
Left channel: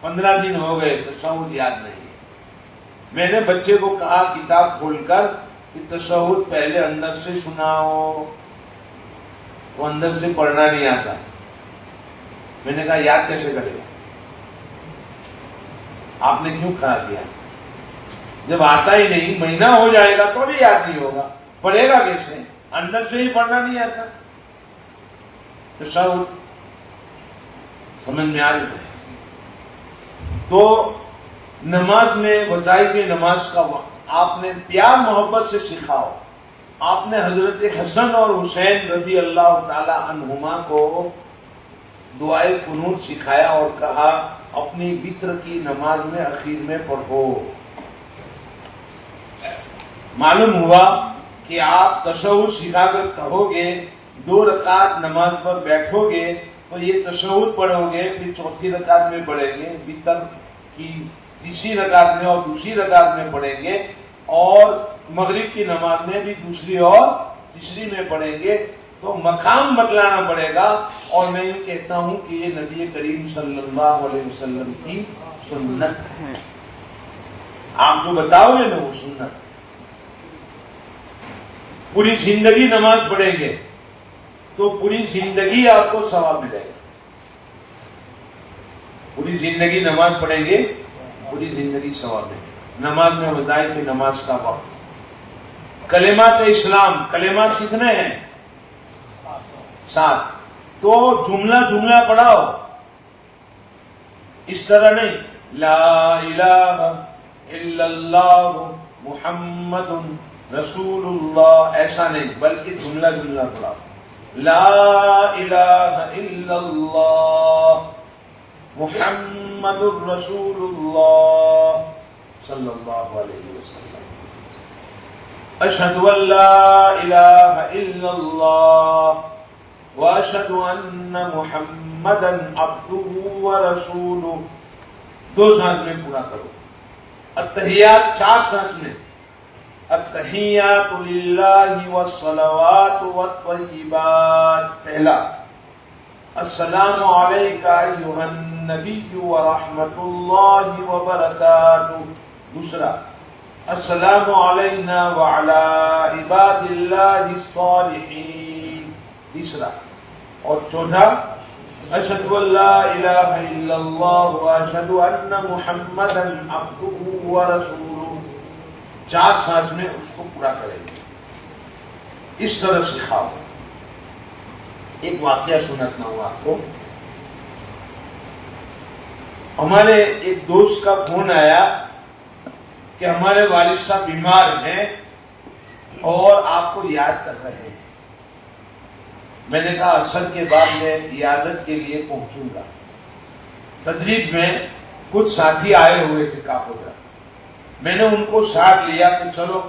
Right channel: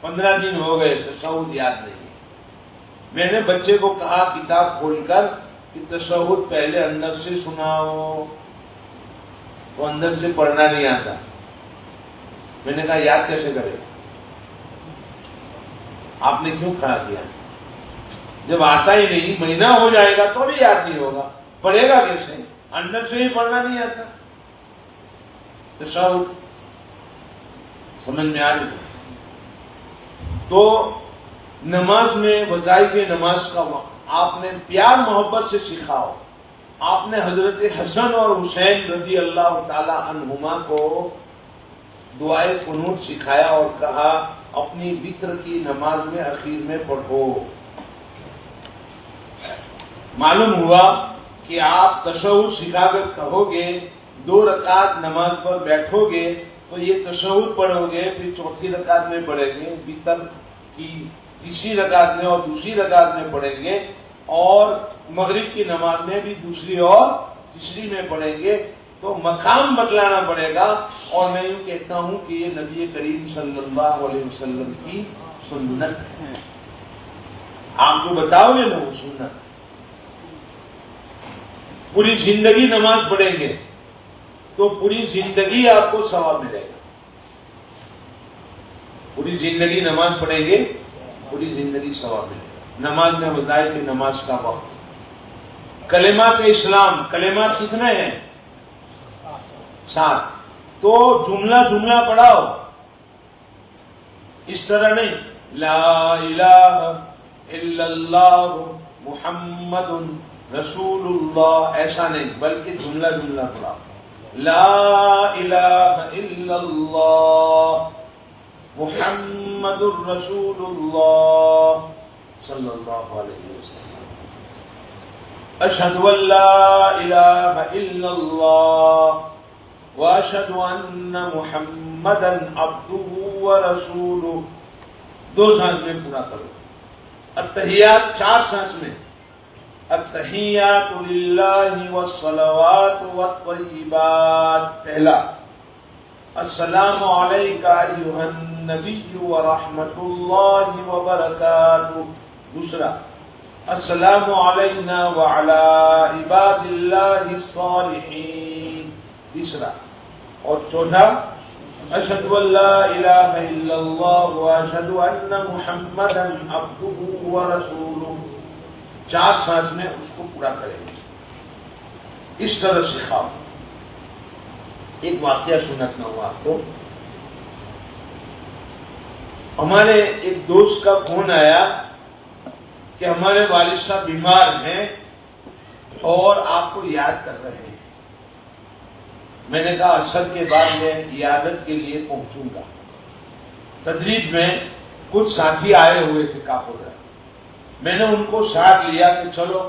15 دن ہو گئے تشہد یاد نہیں. میں نے بچے کو کہا کتاب کھول کر کہ تشہد پہلے اندر سے سناؤ. تو اندر سے پڑھنا نہیں آتا. میں نے کہا یاد کیسے کرے گا؟ آپ نے کیوں کھڑا کیا؟ جب آتا ہی نہیں، مہینہ ہو جائے گا تو بھی یاد نہیں ہوگا، پڑھے گا کیسے؟ اندر سے ہی پڑھنا نہیں آتا. تشہد سمجھ میں آ رہی ہے. تو نماز میں وظائف نماز کا وقت آپ نے پیار محبت سے سکھاؤ. آپ نے حضرت حسن اور حسین رضی اللہ تعالی عنہما کو دعائے قنوت سکھایا اور کہا اپنی وتر کی نماز میں اخیر میں پڑھو. معلوم ہوا کہ آپ تشہد سکھا کر کہو گے 2 رکعت نماز پر بیٹھو گے تو یہ تشہد پڑھو گے، پھر 4تھی رکعت میں پڑھیں گے، وتر کی 3ری رکعت میں اور 2ری رکعت میں پڑھیں گے، اور مغرب کی نماز میں بھی 2ری اور 3ری میں پڑھیں گے. تو مقام بتلانا پڑے گا. اور میں یہ کہتا ہوں کہ یہ نبی کریم صلی اللہ علیہ وسلم کی سنت ہے. آپ جو بتاؤ گے نا وہ سنت. پوری زندگی نماز پڑھیں گے تو پوری زندگی آپ کو ثواب ملے گا. پوری زندگی نماز پڑھیں گے، پوری زندگی ثواب ملے گا. نماز میں وظائف نماز کا وقت. کلمات اسلام، کلمات کتنے ہیں؟ 7. تو جملہ جملہ پڑھاؤ. اس طرح نہیں لا الہ الا اللہ محمد رسول اللہ، ایسا نہیں، بلکہ جملہ جملہ پڑھاؤ. لا الہ الا اللہ محمد رسول اللہ صلی اللہ علیہ وسلم. اشہد ان لا الہ الا اللہ واشہد ان محمدا عبدہ ورسولہ. 2 سانس میں پورا کرو. التحیات 4 سانس میں. التحیات للہ والصلوات والطیبات. پہلا السلام علیکہ ایھا النبی ورحمۃ اللہ وبرکاتہ. دوسرا السلام علینا وعلی عباد اللہ الصالحین. تیسرا اور چوتھا اشہد ان لا الہ الا اللہ واشہد ان محمدا عبدہ ورسولہ. 4 سانس میں اس کو پورا کریں گے. اس طرح سکھاؤ. ایک واقعہ سناتا ہوں آپ کو. ہمارے ایک دوست کا فون آیا کہ ہمارے والد صاحب بیمار ہیں اور آپ کو یاد کر رہے ہیں. میں نے کہا عصر کے بعد میں عیادت کے لیے پہنچوں گا. تدریج میں کچھ ساتھی آئے ہوئے تھے کاپودا. میں نے ان کو ساتھ لیا کہ چلو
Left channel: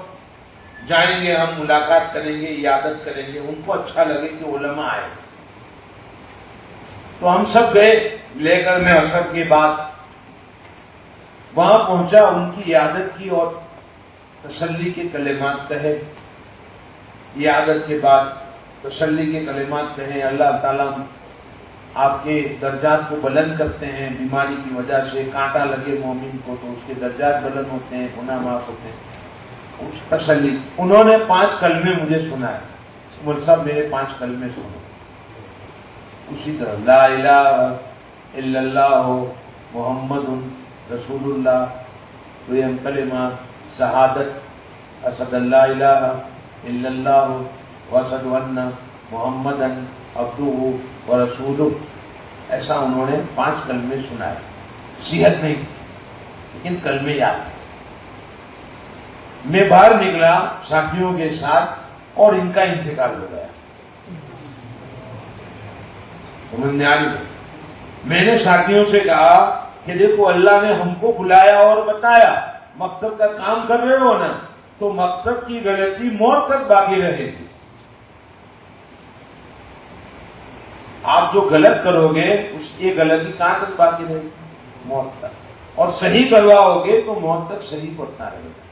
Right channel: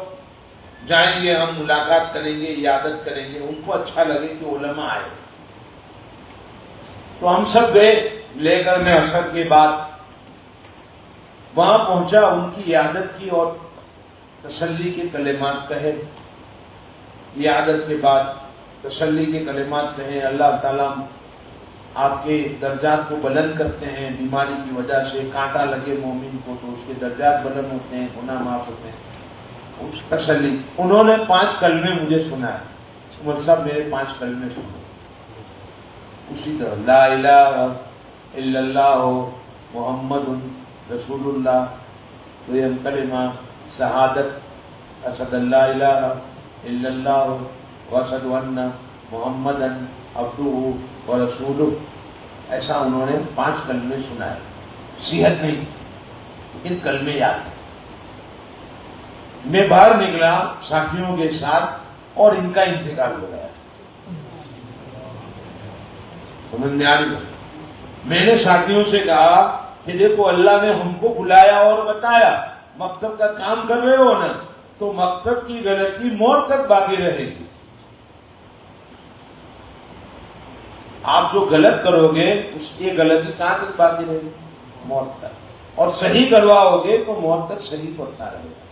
جائیں گے, ہم ملاقات کریں گے, عیادت کریں گے. ان کو اچھا لگے کہ علماء آئے. تو ہم سب گئے لے کر. میں عصر کے بعد وہاں پہنچا, ان کی عیادت کی اور تسلی کے کلمات کہے. عیادت کے بعد تسلی کے کلمات کہیں, اللہ تعالیٰ آپ کے درجات کو بلند کرتے ہیں. بیماری کی وجہ سے کانٹا لگے مومن کو تو اس کے درجات بلند ہوتے ہیں, گناہ معاف ہوتے ہیں. اس تسلی. انہوں نے 5 کلمے مجھے سنائے. عمر صاحب میرے 5 کلمے سنے. اسی طرح لا الہ الا اللہ محمد رسول اللہ, تو یہ کلمہ شہادت اشہد اللہ الہ الا اللہ واشہد ان محمدً عبدہ ورسولہ. ایسا انہوں نے 5 کلمے سنائے. صحت نہیں تھی لیکن کلمے یاد تھے. میں باہر نکلا ساتھیوں کے ساتھ اور ان کا انتقال ہو گیا. سمجھ میں آ رہی. میں نے ساتھیوں سے کہا کہ دیکھو اللہ نے ہم کو بلایا اور بتایا مکتب کا کام کر رہے ہو نا, تو مکتب کی غلطی موت تک باقی رہے گی. آپ جو غلط کرو گے اس کی غلطی کہاں تک باقی رہے گی؟ موت تک. اور صحیح کرواؤ گے تو موت تک صحیح پہنچتا رہے گا.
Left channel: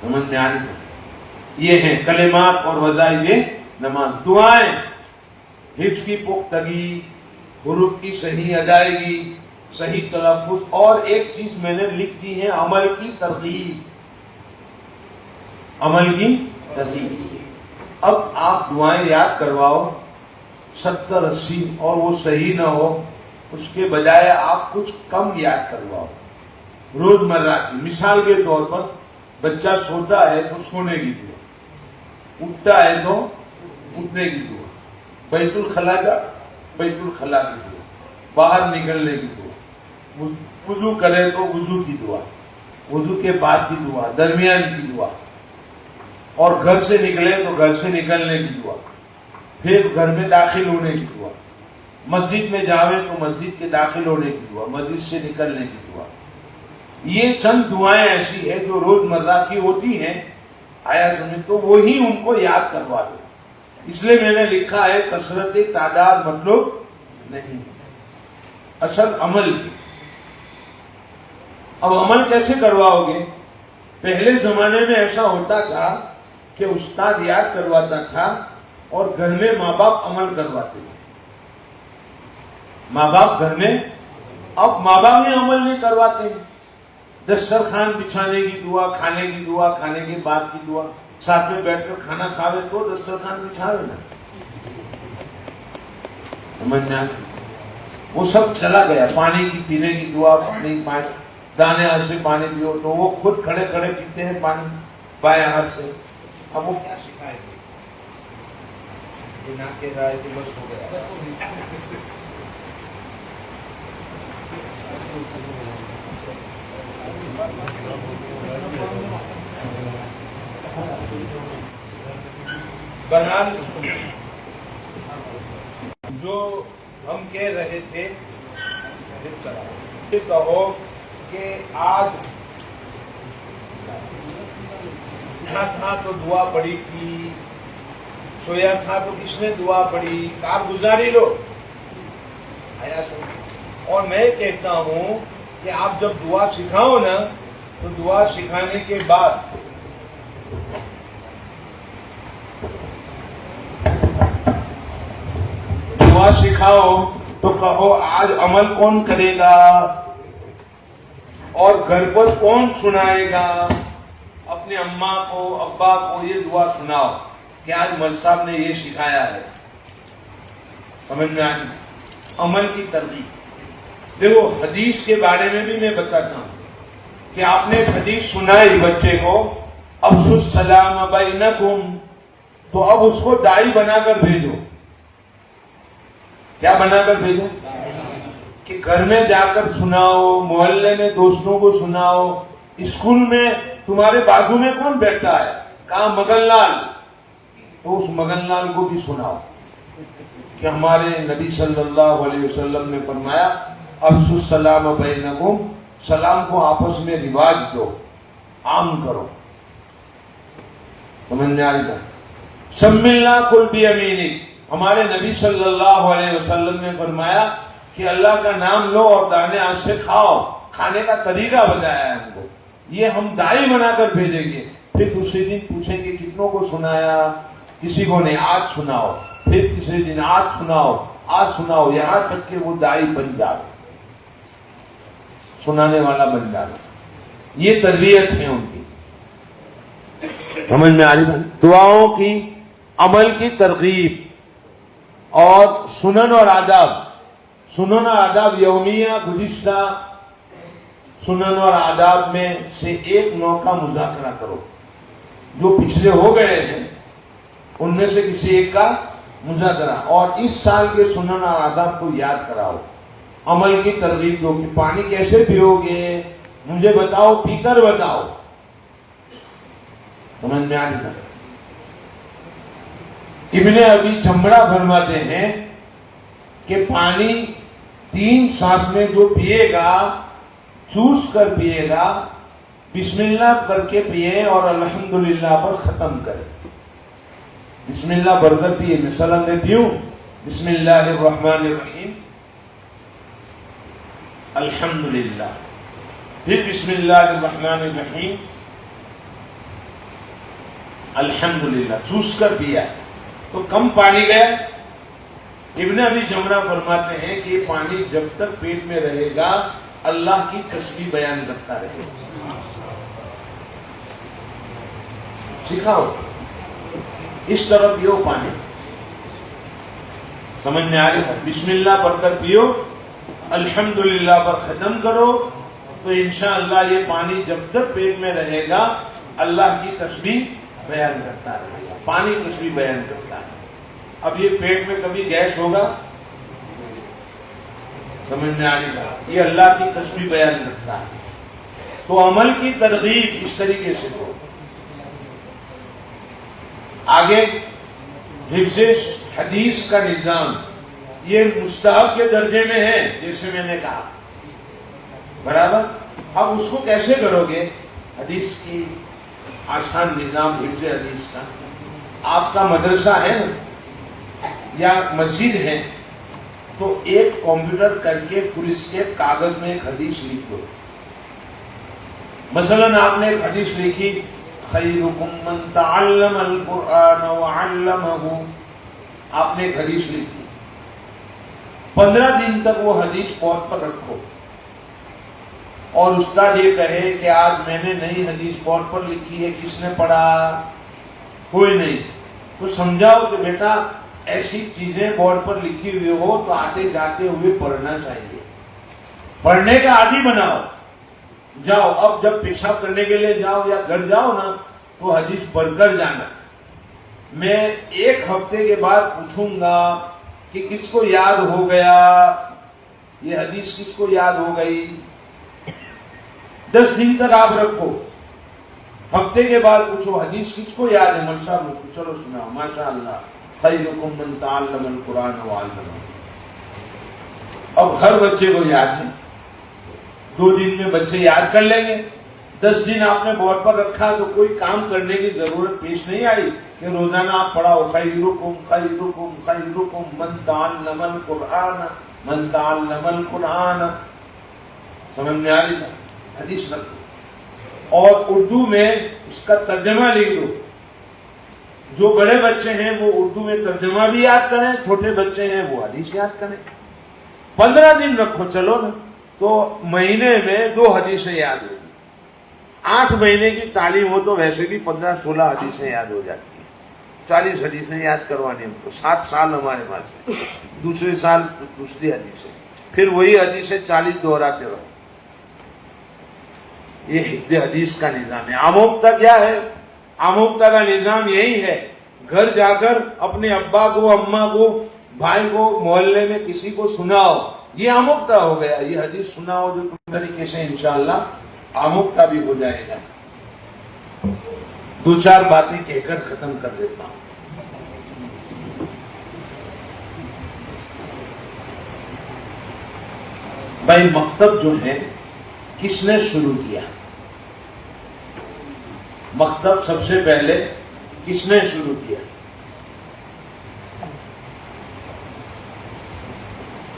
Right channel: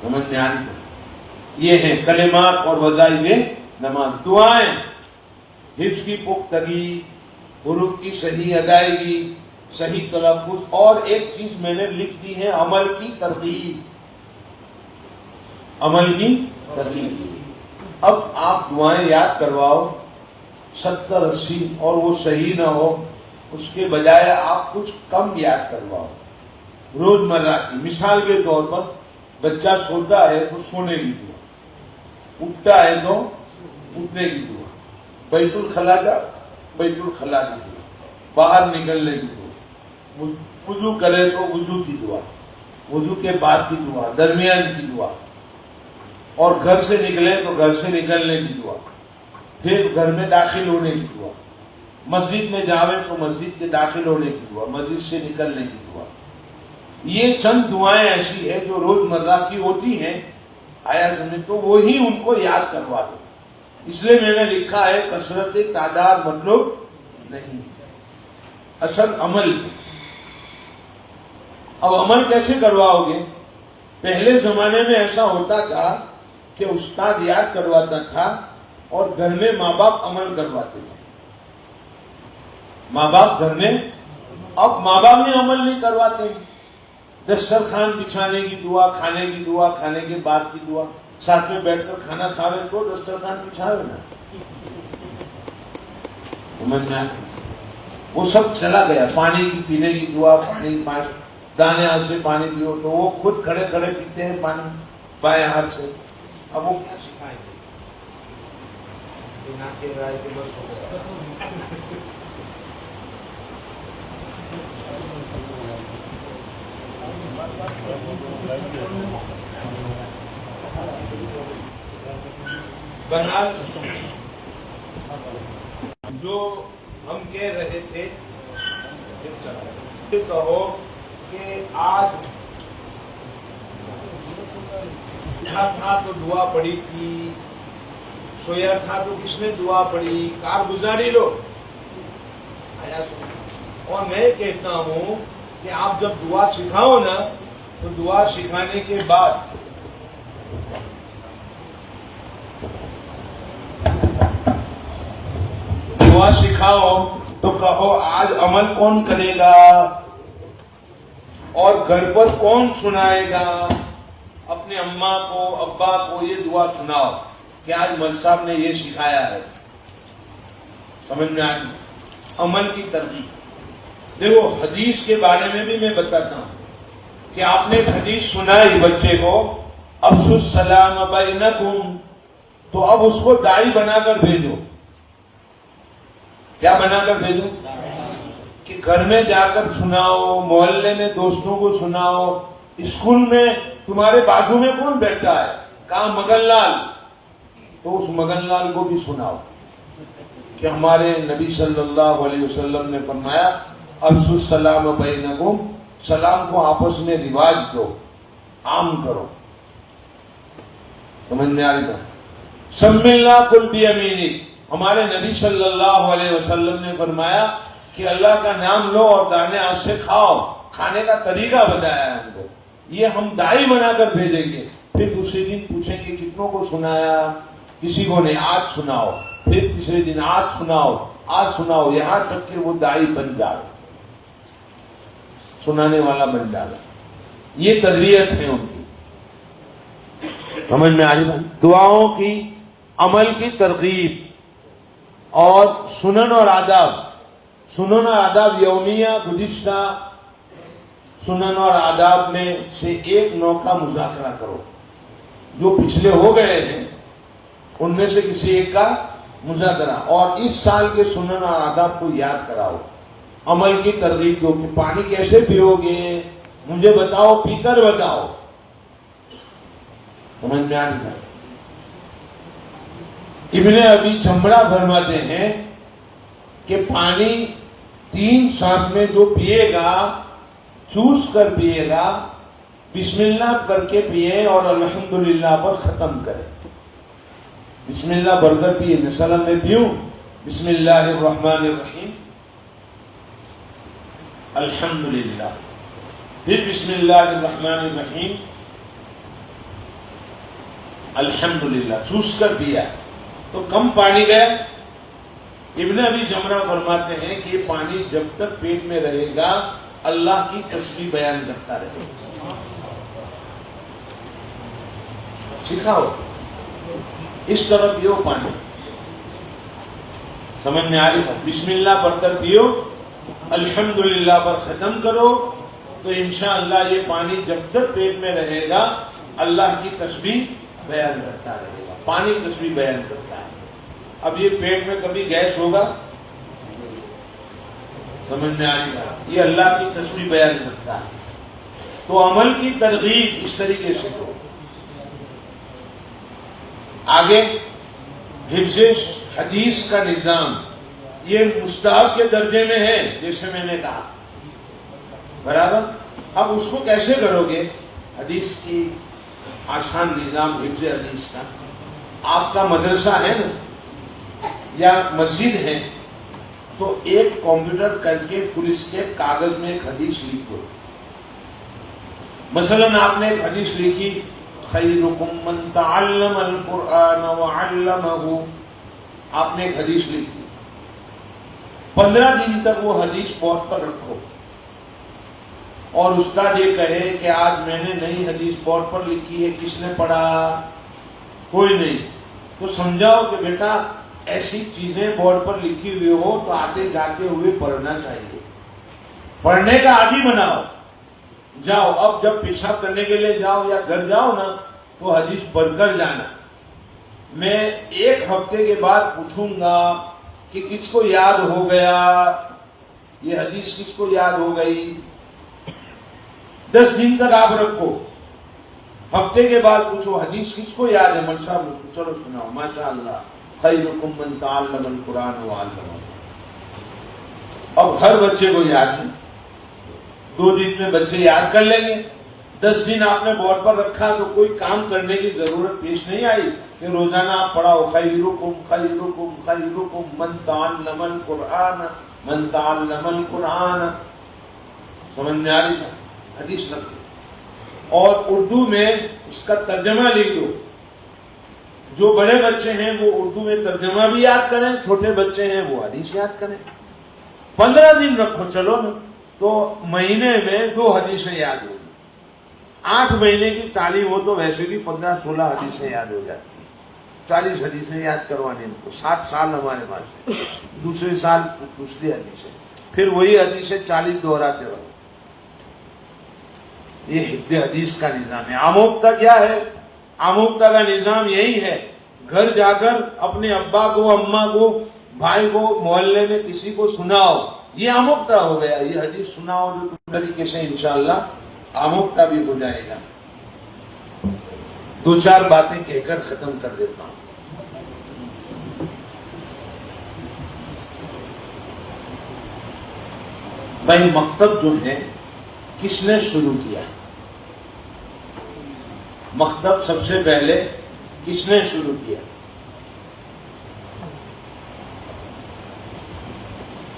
سمجھ میں آ رہی. یہ ہیں کلمات اور وظائف نماز. دعائیں, حفظ کی پختگی, حروف کی صحیح ادائیگی, صحیح تلفظ, اور ایک چیز میں نے لکھ دی ہے عمل کی ترغیب. عمل کی ترغیب. اب آپ دعائیں یاد کرواؤ 70-80 اور وہ صحیح نہ ہو, اس کے بجائے آپ کچھ کم یاد کرواؤ. روزمرہ کی مثال کے طور پر بچہ سوتا ہے تو سونے کی دعا, اٹھتا ہے تو اٹھنے کی دعا, بیت الخلا کا بیت الخلا کی دعا, باہر نکلنے کی دعا, وضو کرے تو وضو کی دعا, وضو کے بعد کی دعا, درمیان کی دعا, اور گھر سے نکلے تو گھر سے نکلنے کی دعا, پھر گھر میں داخل ہونے کی دعا, مسجد میں جاوے تو مسجد کے داخل ہونے کی دعا, مسجد سے نکلنے کی دعا. یہ چند دعائیں ایسی ہیں جو روزمرہ کی ہوتی ہیں. آیا سمجھ, تو وہی ان کو یاد کروا دو. اس لیے میں نے لکھا ہے کثرت تعداد مطلب نہیں, اصل عمل. اب عمل کیسے کرواؤ گے؟ پہلے زمانے میں ایسا ہوتا تھا کہ استاد یاد کرواتا تھا اور گھر میں ماں باپ عمل کرواتے تھے. ماں باپ گھر میں, اب ماں باپ ہی عمل نہیں کرواتے ہیں. دسترخوان بچھانے کی دعا, کھانے کی دعا, کھانے کے بعد کی دعا, ساتھ میں بیٹھ کر کھانا کھاوے تو دسترخوان بچھاوے نا. سمجھنا, وہ سب چلا گیا. پانی کی پینے کی دعا, پانی دانے ہاتھ سے پانی پیو, تو وہ خود کھڑے کھڑے پیتے ہیں پانی بائیں ہاتھ سے. اب وہ کیا سکھائے گے؟ نہ کہ رائے کہ بس ہو گیا. بہرحال جو ہم کہہ رہے تھے کہو کہ آج اٹھا تھا تو دعا پڑی تھی, سویا تھا تو کس نے دعا پڑی, کارگزاری لو. آیا سمجھ. اور میں کہتا ہوں کہ آپ جب دعا سکھاؤ نا تو دعا سکھانے کے بعد دعا سکھاؤ تو کہو آج عمل کون کرے گا اور گھر پر کون سنائے گا. اپنے اماں کو ابا کو یہ دعا سناؤ کہ آج مل صاحب نے یہ سکھایا ہے. سمجھ میں آئی. عمل کی ترغیب. دیکھو حدیث کے بارے میں بھی میں بتاتا ہوں کہ آپ نے حدیث سنائی بچے کو, افشوا السلام بینکم, تو اب اس کو دائی بنا کر بھیجو. کیا بنا کر بھیجو؟ کہ گھر میں جا کر سناؤ, محلے میں دوستوں کو سناؤ, اسکول میں تمہارے بازو میں کون بیٹھا ہے, کہاں مگن لال, تو اس مگن لال کو بھی سناؤ کہ ہمارے نبی صلی اللہ علیہ وسلم نے فرمایا افشوا السلام بینکم, سلام کو آپس میں رواج دو, عام کرو. سمجھ میں آ رہی بات؟ سملنا کل بیمینک, ہمارے نبی صلی اللہ علیہ وسلم نے فرمایا کہ اللہ کا نام لو اور دانے ہاتھ سے کھاؤ. کھانے کا طریقہ بتایا ہے ہم کو. یہ ہم دائی بنا کر بھیجیں گے. پھر دوسرے دن پوچھیں گے کتنوں کو سنایا, کسی کو نہیں, آج سناؤ. پھر تیسرے دن آج سناؤ, آج سناؤ, یہاں تک کہ وہ دائی بن جائے, سنانے والا بن جائے. یہ تربیت ہے ان کی. سمجھ میں آ رہی بھائی؟ دعاؤں کی, عمل کی ترغیب اور سنن اور آداب. سنن اور آداب یومیہ گزشتہ سنن اور آداب میں سے ایک نو کا مذاکرہ کرو. جو پچھلے ہو گئے ہیں ان میں سے کسی ایک کا مذاکرہ, اور اس سال کے سنن اور آداب کو یاد کراؤ. عمل کی ترغیب دو کہ پانی کیسے پیو گے, مجھے بتاؤ, پی کر بتاؤ. سمجھ میں آ رہی ہے؟ ابن ابی جمرہ فرماتے ہیں کہ پانی 3 سانس میں جو پیے گا, چوس کر پیے گا, بسم اللہ کر کے پیے اور الحمدللہ پر ختم کرے. بسم اللہ بھر کر پیے. مثلا میں پیوں بسم اللہ الرحمن الرحیم, الحمدللہ, پھر بسم اللہ الرحمن الرحیم, الحمدللہ, چوس کر پیا تو کم پانی گیا. ابن ابی جمرہ فرماتے ہیں کہ یہ پانی جب تک پیٹ میں رہے گا اللہ کی تسبیح بیان کرتا رہے گا. سکھاؤ اس طرح پیو پانی. سمجھ میں آ رہی ہے؟ بسم اللہ پڑھ کر پیو, الحمدللہ پر ختم کرو, تو انشاءاللہ یہ پانی جب تک پیٹ میں رہے گا اللہ کی تسبیح بیان کرتا رہے گا. پانی تسبیح بیان کرتا ہے. اب یہ پیٹ میں کبھی گیس ہوگا؟ سمجھ میں آ رہی ہے؟ یہ اللہ کی تسبیح بیان کرتا ہے. تو عمل کی ترغیب اس طریقے سے دو. آگے حفظ حدیث کا نظام, یہ مستحب کے درجے میں ہے جیسے میں نے کہا, برابر. اب اس کو کیسے کرو گے؟ حدیث کی آسان نظام حفظ حدیث کا. آپ کا مدرسہ ہے نا یا مسجد ہے, تو ایک کمپیوٹر کر کے فل اسکیپ کاغذ میں ایک حدیث لکھو. مثلا آپ نے ایک حدیث لکھی خیرکم من تعلم القرآن وعلمہ, آپ نے ایک حدیث لکھی. 15 دن تک وہ حدیث بورڈ پر رکھو, اور استاد یہ کہے کہ آج میں نے نئی حدیث بورڈ پر لکھی ہے, کس نے پڑھا؟ کوئی نہیں. تو سمجھاؤ کہ بیٹا ایسی چیزیں بورڈ پر لکھی ہوئی ہو تو آتے جاتے ہوئے پڑھنا چاہیے. پڑھنے کا عادی بناؤ. جاؤ اب جب پیشاب کرنے کے لیے جاؤ یا گھر جاؤ نا, تو حدیث پڑھ کر جانا. میں 1 ہفتے کے بعد پوچھوں گا کہ کس کو یاد ہو گیا, یہ حدیث کس کو یاد ہو گئی. 10 دن تک آپ رکھو. ہفتے کے بعد پوچھو حدیث کس کو یاد ہے, مول صاحب کو, چلو سناؤ, ماشاء اللہ, خیرکم من تعلم القرآن وعلمہ. اب ہر بچے کو یاد ہے, 2 دن میں بچے یاد کر لیں گے. 10 دن آپ نے بورڈ پر رکھا تو کوئی کام کرنے کی ضرورت پیش نہیں آئی کہ روزانہ آپ پڑھاؤ خیرکم خیرکم خیرکم من تعلم القرآن من تعلم القرآن. سمجھ میں آ رہی ہے؟ حدیث رکھو اور اردو میں اس کا ترجمہ لکھ دو. جو بڑے بچے ہیں وہ اردو میں ترجمہ بھی یاد کریں, چھوٹے بچے ہیں وہ حدیث یاد کریں. 15 دن رکھو, چلو نا, تو مہینے میں 2 حدیثیں یاد ہوگی. 8 مہینے کی تعلیم ہو تو ویسے بھی 15-16 حدیثیں یاد ہو جاتی ہیں. 40 حدیثیں یاد کروانے ہم کو. 7 سال ہمارے پاس ہے, دوسرے سال دوسری حدیثیں, پھر وہی حدیثیں 40 دہراتے رہو. یہ حفظ حدیث کا نظام ہے. آموختہ کیا ہے؟ آموختہ کا نظام یہی ہے, گھر جا کر اپنے ابا کو، اماں کو، بھائی کو، محلے میں کسی کو سناؤ. یہ آموختہ ہو گیا. یہ حدیث سناؤ جو طریقے سے انشاءاللہ آموختہ بھی ہو جائے گا. 2-4 باتیں کہہ کر ختم کر دیتا ہوں. بھائی مکتب جو ہے کس نے شروع کیا؟ مکتب سب سے پہلے کس نے شروع کیا؟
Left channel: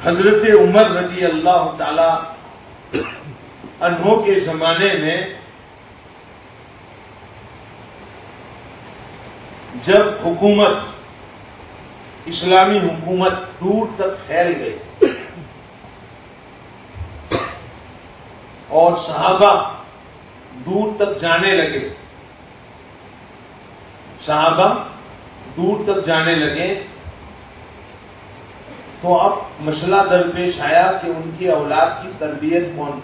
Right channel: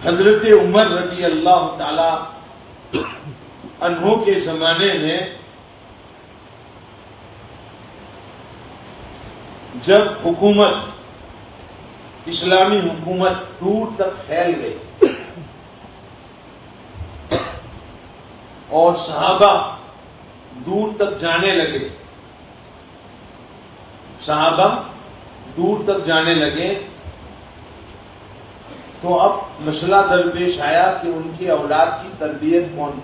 حضرت عمر رضی اللہ تعالی عنہ کے زمانے میں جب حکومت، اسلامی حکومت دور تک پھیل گئی اور صحابہ دور تک جانے لگے، تو اب مسئلہ درپیش آیا کہ ان کی اولاد کی تربیت کون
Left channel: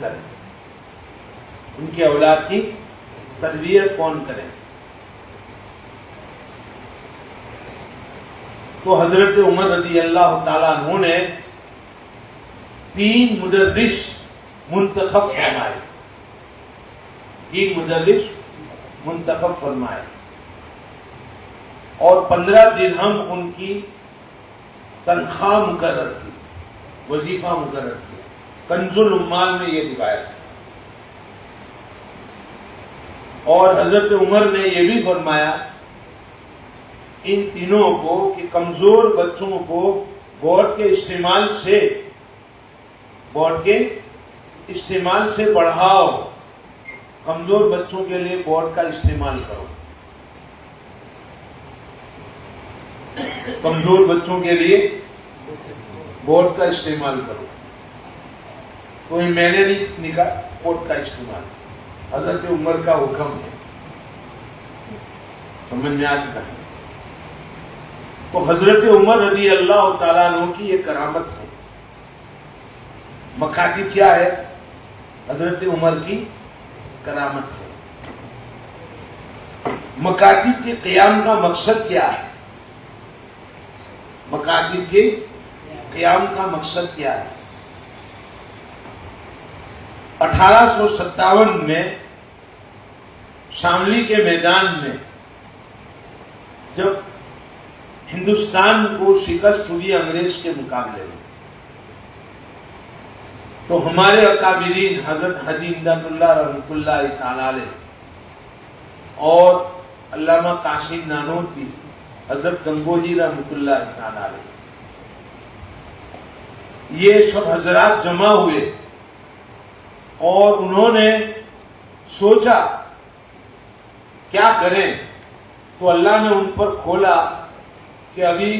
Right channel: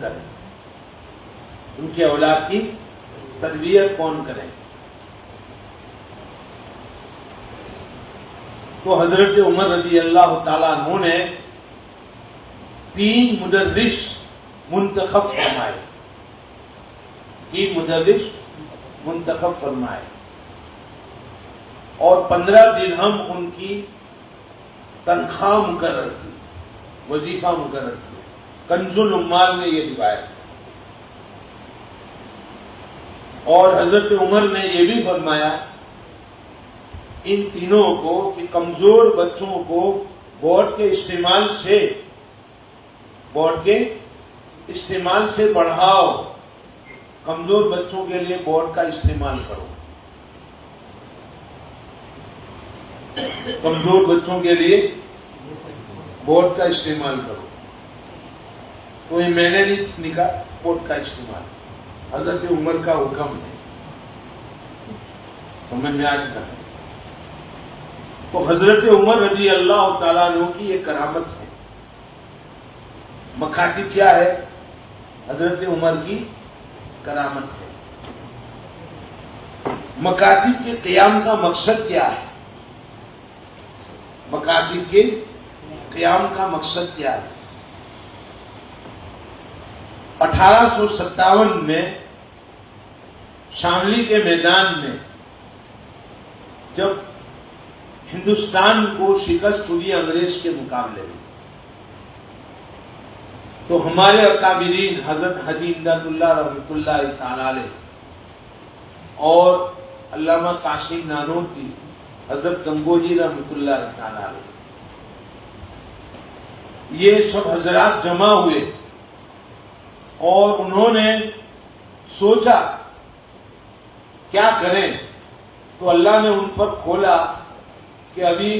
کرے. تو حضرت عمر رضی اللہ تعالیٰ عنہ نے 3 مدرس منتخب فرمائے اور 15 درہم ان کی تنخواہ مقرر کی، وظیفہ مقرر کی. کنز العمال نے یہ روایت ہے. اور حضرت عمر نے یہ بھی فرمایا ان تینوں کو کہ کمزور بچوں کو بورڈ کے استعمال سے بڑھاؤ. کمزور بچوں کے لیے بورڈ کا استعمال کرو. بورڈ کا استعمال کرو. تو یہ میں نے نہیں کہا، بورڈ کا استعمال حضرت عمر کا حکم ہے. سمجھ میں آج کا. تو حضرت عمر رضی اللہ تعالیٰ عنہ کی یہ کرامت ہے. مکاتب کیا ہے؟ حضرت عمر کی کرامت ہے. مکاتب کے قیام کا مقصد کیا ہے؟ 1857 میں شاملی کے میدان میں جب ہندوستان کو شکست ہوئی انگریز کے مقابلے میں، تو ہمارے اکابرین حضرت حاجی امداد اللہ رحمۃ اللہ تعالی علیہ اور علامہ قاسم نانوتوی، حضرت گنگوجی رحمۃ اللہ تعالی علیہ، یہ سب حضرات جمع ہوئے اور انہوں نے سوچا کیا کریں. تو اللہ نے ان پر کھولا کہ ابھی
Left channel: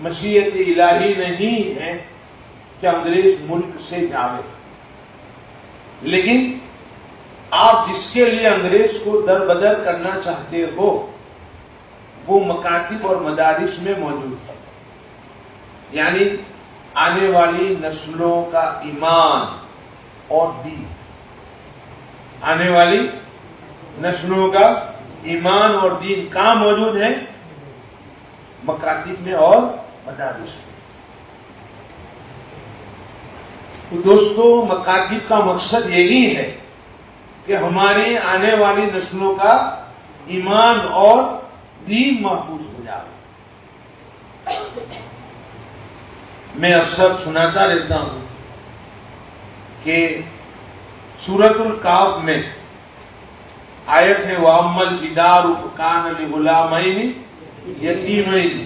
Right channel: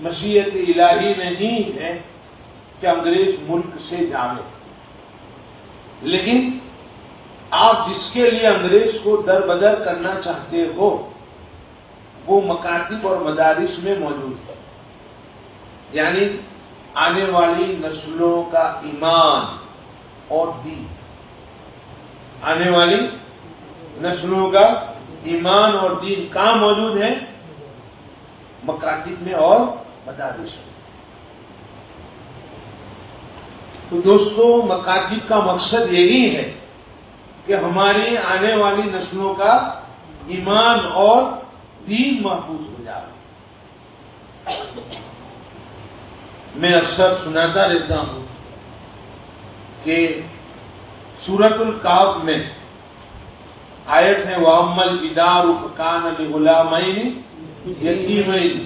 مشیت الہی نہیں ہے کہ انگریز ملک سے جاوے، لیکن آپ جس کے لیے انگریز کو در بدر کرنا چاہتے ہو وہ مکاتب اور مدارس میں موجود ہے. یعنی آنے والی نسلوں کا ایمان اور دین، آنے والی نسلوں کا ایمان اور دین کہاں موجود ہے؟ مکاتب میں اور مدارس میں. تو دوستو، مکاتب کا مقصد یہی ہے کہ ہماری آنے والی نسلوں کا ایمان اور دین محفوظ ہو جائے. میں اکثر سناتا رہتا ہوں کہ سورۃ الکہف میں آیت ہے وَأَمَّا الْجِدَارُ فَكَانَ لِغُلَامَيْنِ يَتِيمَيْنِ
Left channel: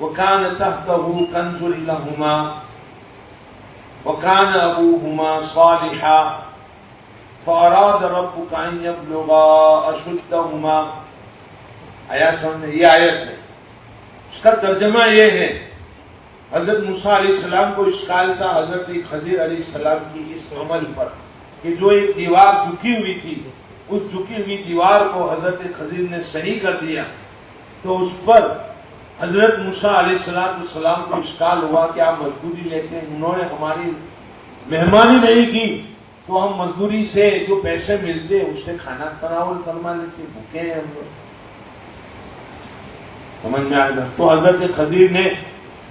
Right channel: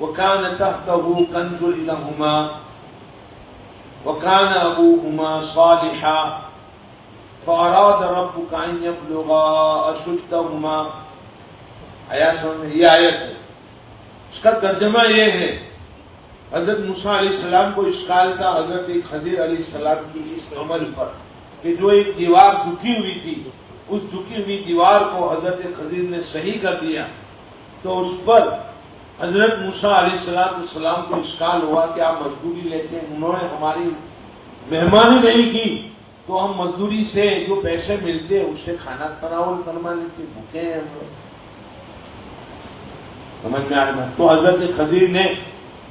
وَكَانَ تَحْتَهُ كَنْزٌ لَهُمَا وَكَانَ أَبُوهُمَا صَالِحًا فَأَرَادَ رَبُّكَ أَن يَبْلُغَا أَشُدَّهُمَا. آیات سمجھ میں؟ یہ آیت ہے. اس کا ترجمہ یہ ہے، حضرت موسیٰ علیہ السلام کو اشکال تھا حضرت خضر علیہ السلام کی اس عمل پر کہ جو ایک دیوار جھکی ہوئی تھی، اس جھکی ہوئی دیوار کو حضرت خضر نے صحیح کر دیا. تو اس پر حضرت موسیٰ علیہ السلام کو اشکال ہوا کہ آپ مزدوری لیتے ہیں، انہوں نے ہماری مہمانی نہیں کی تو ہم مزدوری سے جو پیسے ملتے اس سے کھانا تناول فرما لیتے، بھوکے ہیں ہم. سمجھ میں آئے گا. تو حضرت خضر نے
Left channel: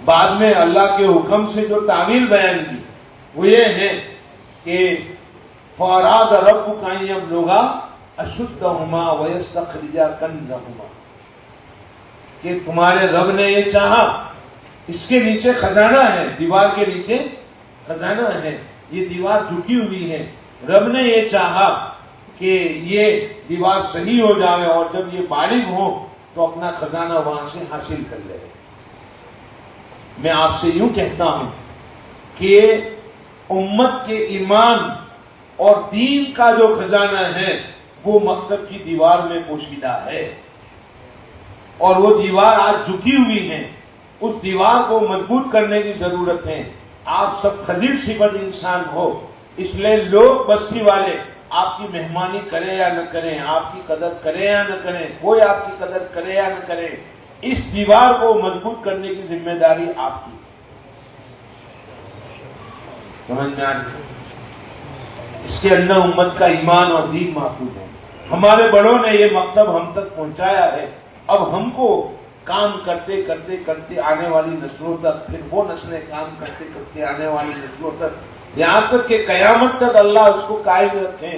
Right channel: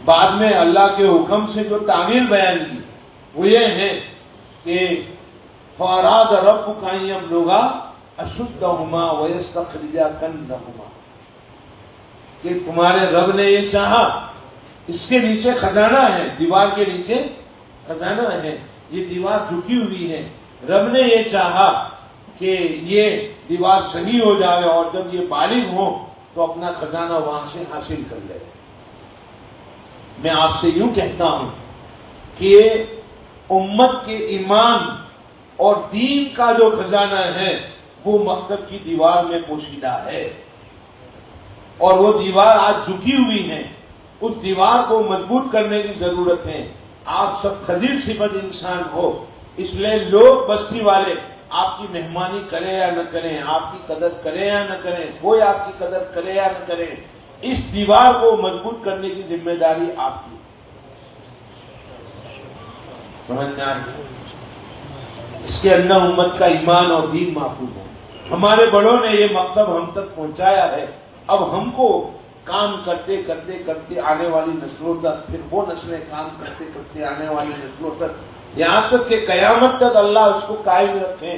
بعد میں اللہ کے حکم سے جو تعویل بیان کی وہ یہ ہے کہ فَأَرَادَ رَبُّكَ أَن يَبْلُغَا أَشُدَّهُمَا وَيَسْتَخْرِجَا كَنزَهُمَا کہ تمہارے رب نے یہ چاہا. اس کے نیچے خزانہ ہے, دیوار کے نیچے خزانہ ہے, یہ دیوار جھکی ہوئی ہے. رب نے یہ چاہا کہ یہ دیوار صحیح ہو جائے اور جب یہ بالغ ہو تو اپنا خزانہ وہاں سے حاصل کر لے. میں آپ سے یوں کہتا ہوں کہ امت کے ایمان اور دین کا جو خزانہ ہے وہ مکتب کی دیوار میں پوشیدہ ہے, اور وہ دیوار آج جھکی ہوئی ہے. اس دیوار کو مضبوط کرنے کی ضرورت ہے. آپ سب خضر صفت انسان ہو, اس لیے لوگ بستی والے آپ کی مہمانی کریں یا نہ کریں, آپ کی قدر کریں یا نہ کریں, کوئی آپ کی قدر کرے یا نہ کرے, اس دیوار کو مضبوط کرنے کی ذمہ داری آپ کی. سمجھ میں آ رہی؟ اس کے اندر امت کا ایمان اور دین محفوظ ہے. ہمارے بڑوں نے یہ مکتب ہم تک پہنچایا ہے. اب ہم کو کام کرتے کرتے کرتے آنے والی نسلوں تک, پھر وہ نسلیں کام کرتے کرتے آنے والی نسلوں تک, یہاں تک کہ قیامت تک اللہ اس کو قائم رکھیں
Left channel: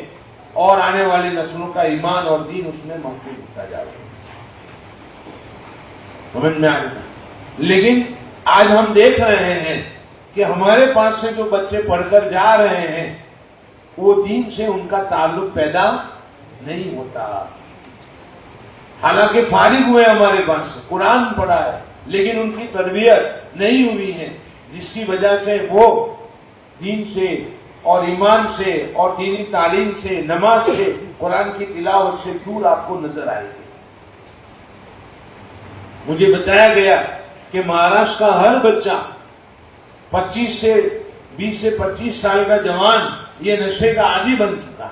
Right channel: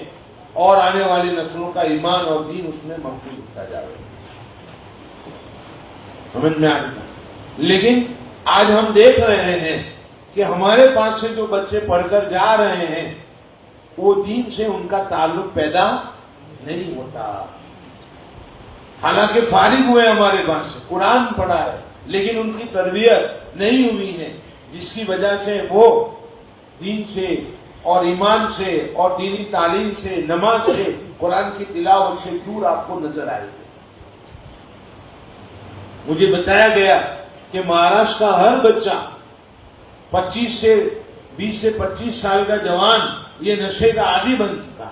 اور آنے والی نسلوں کا ایمان اور دین اس میں محفوظ ہوتا جائے. سمجھ میں آ رہا ہے. لیکن آج ہم دیکھ رہے ہیں کہ ہمارے پاس سے جو بچے پڑھ کر جا رہے ہیں وہ دین سے ان کا تعلق پیدا نہیں ہوتا. حالانکہ فارغ ہوئے ہمارے پاس سے, قرآن پڑھا ہے, لیکن ان کی تربیت نہیں ہوئی ہے, جس کی وجہ سے وہ دین سے اور ایمان سے اور دینی تعلیم سے, نماز سے, قرآن کی تلاوت سے دور آپ کو نظر آئے گی. مجھے بتایا گیا کہ مہاراشٹر کا ہر بچہ 20 سے 25 سال کا جوان یہ نشے کا عادی بن چکا ہے.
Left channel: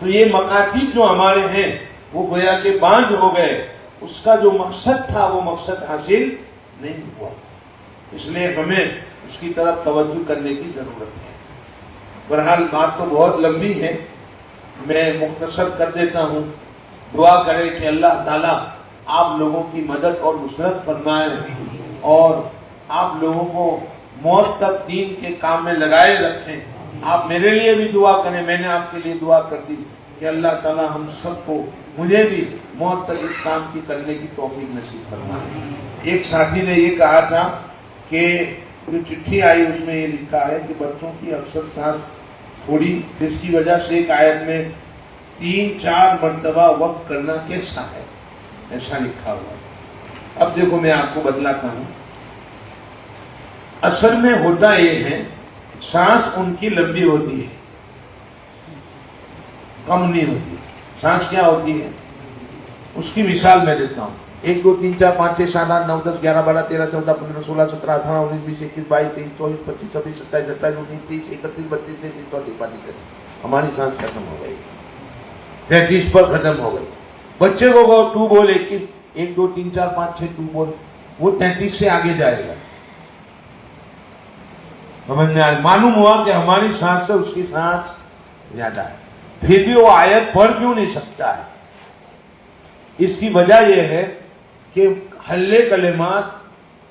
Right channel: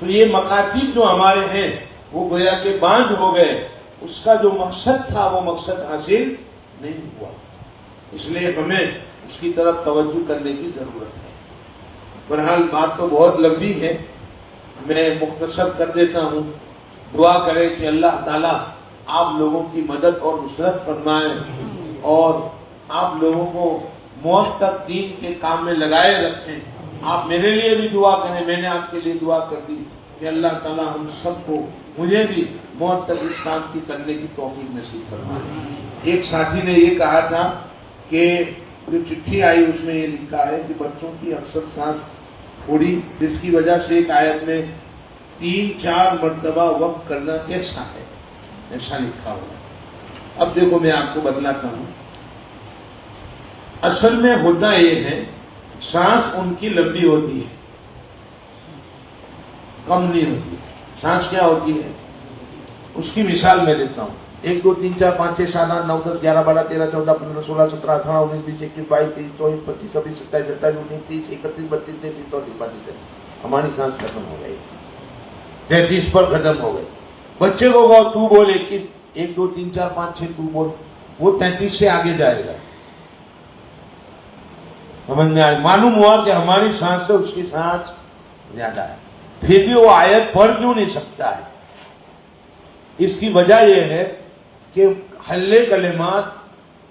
تو یہ مکاتب جو ہمارے ہیں وہ گویا کہ باندھ ہو گئے, اس کا جو مقصد تھا وہ مقصد حاصل نہیں ہوا. اس لیے ہمیں اس کی طرف توجہ کرنے کی ضرورت ہے. بہرحال بات تو بہت لمبی ہے, میں مختصر کر دیتا ہوں. دعا کرے کہ اللہ تعالیٰ آپ لوگوں کی مدد اور نصرت فرمائے اور آپ لوگوں کو موت تک دین کے کام میں لگائے رکھیں. آپ میرے لیے بھی دعا کریں, میں نے آپ کے لیے دعا کر دی کہ اللہ تعالیٰ ہم سب کو, مجھے بھی موت تک اس کام کی کرنے کی توفیق نصیب فرمائے. ایک ساتھی نے یہ کہا تھا کہ جو چٹھی آئی اس میں یہ لکھا ہے کہ بچوں کی اکثر سانس پھوڑی, جس کی وجہ سے ایک آیت میں 3-4 مرتبہ وقف کرنا کیسا ہے, ایسا لکھا ہوا. اب دیکھو میں آپ کو بتلاتا ہوں. اصل میں ہوتا یہ ہے سانس ان کی لمبی ہوتی ہے, کم نہیں ہوتی. سانس کیا ہوتی ہے اس کی مثال میں دیتا ہوں. 1 2 3 4 5 6 7 8 9 10 11 12 13 14 15 16 17 18 19 20 21 22 23 24 25 26 27 28 29 30 31 32 33 ہماری سانس ختم ہو گئی, 33 پر ختم ہو گئی. بچے کو تو بول 21 1 2 3 4 5 6 تو بول, وہ 33 سے آگے جائے گا. سمجھ میں آئے. معلوم ہوا کہ ہماری سانس سے اس کی سانس زیادہ ہے, پھر بھی وہ آیت پڑھ کیوں نہیں سکتا ہے. اس کی وجہ یہ ہے کہ حلے کلمات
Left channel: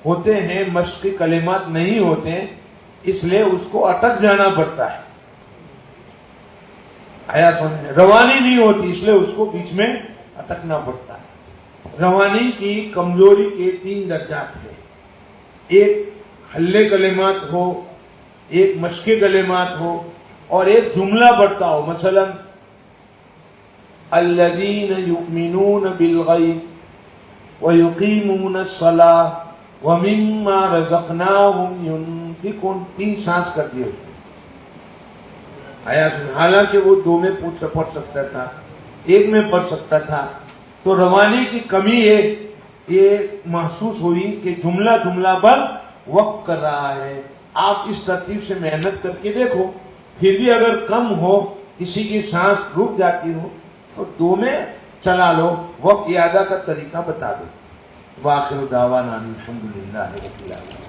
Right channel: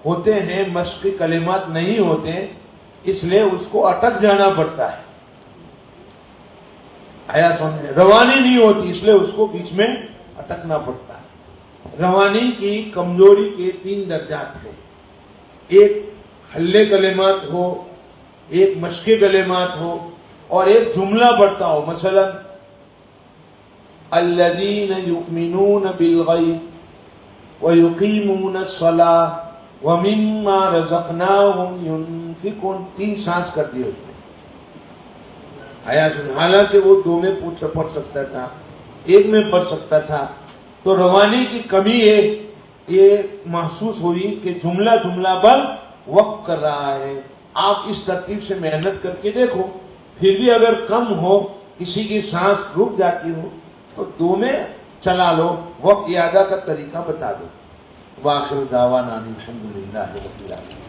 ہوتے ہیں, مشق کلمات نہیں ہوتے, اس لیے اس کو اٹک جانا پڑتا ہے. آیا سمجھ میں, روانی نہیں ہوتی اس لیے اس کو بیچ میں اٹکنا پڑتا ہے. روانی کی کمزوری کے 3 درجات ہیں. ایک حلے کلمات ہو, ایک مشق کلمات ہو, اور ایک جملہ بڑھتا ہو. مثلا الذین یؤمنون بالغیب ویقیمون الصلاۃ ومما رزقناہم ینفقون. 3 سانس کر دیے. حالانکہ وہ 2 میں پڑھ سکتا تھا, 1 میں پڑھ سکتا تھا. تو روانی کی کمی یہ محسوس ہوئی کہ جملہ جملہ پر وقف کر رہا ہے. آپ اس ترتیب سے محنت کر کے دیکھو, پھر بھی اگر کم ہو, کسی کی سانس رک جاتی ہو تو 2 میں چلا لو, وقف اعادہ کا طریقہ بتا دو. وآخر دعوانا الحمدللہ رب العالمین.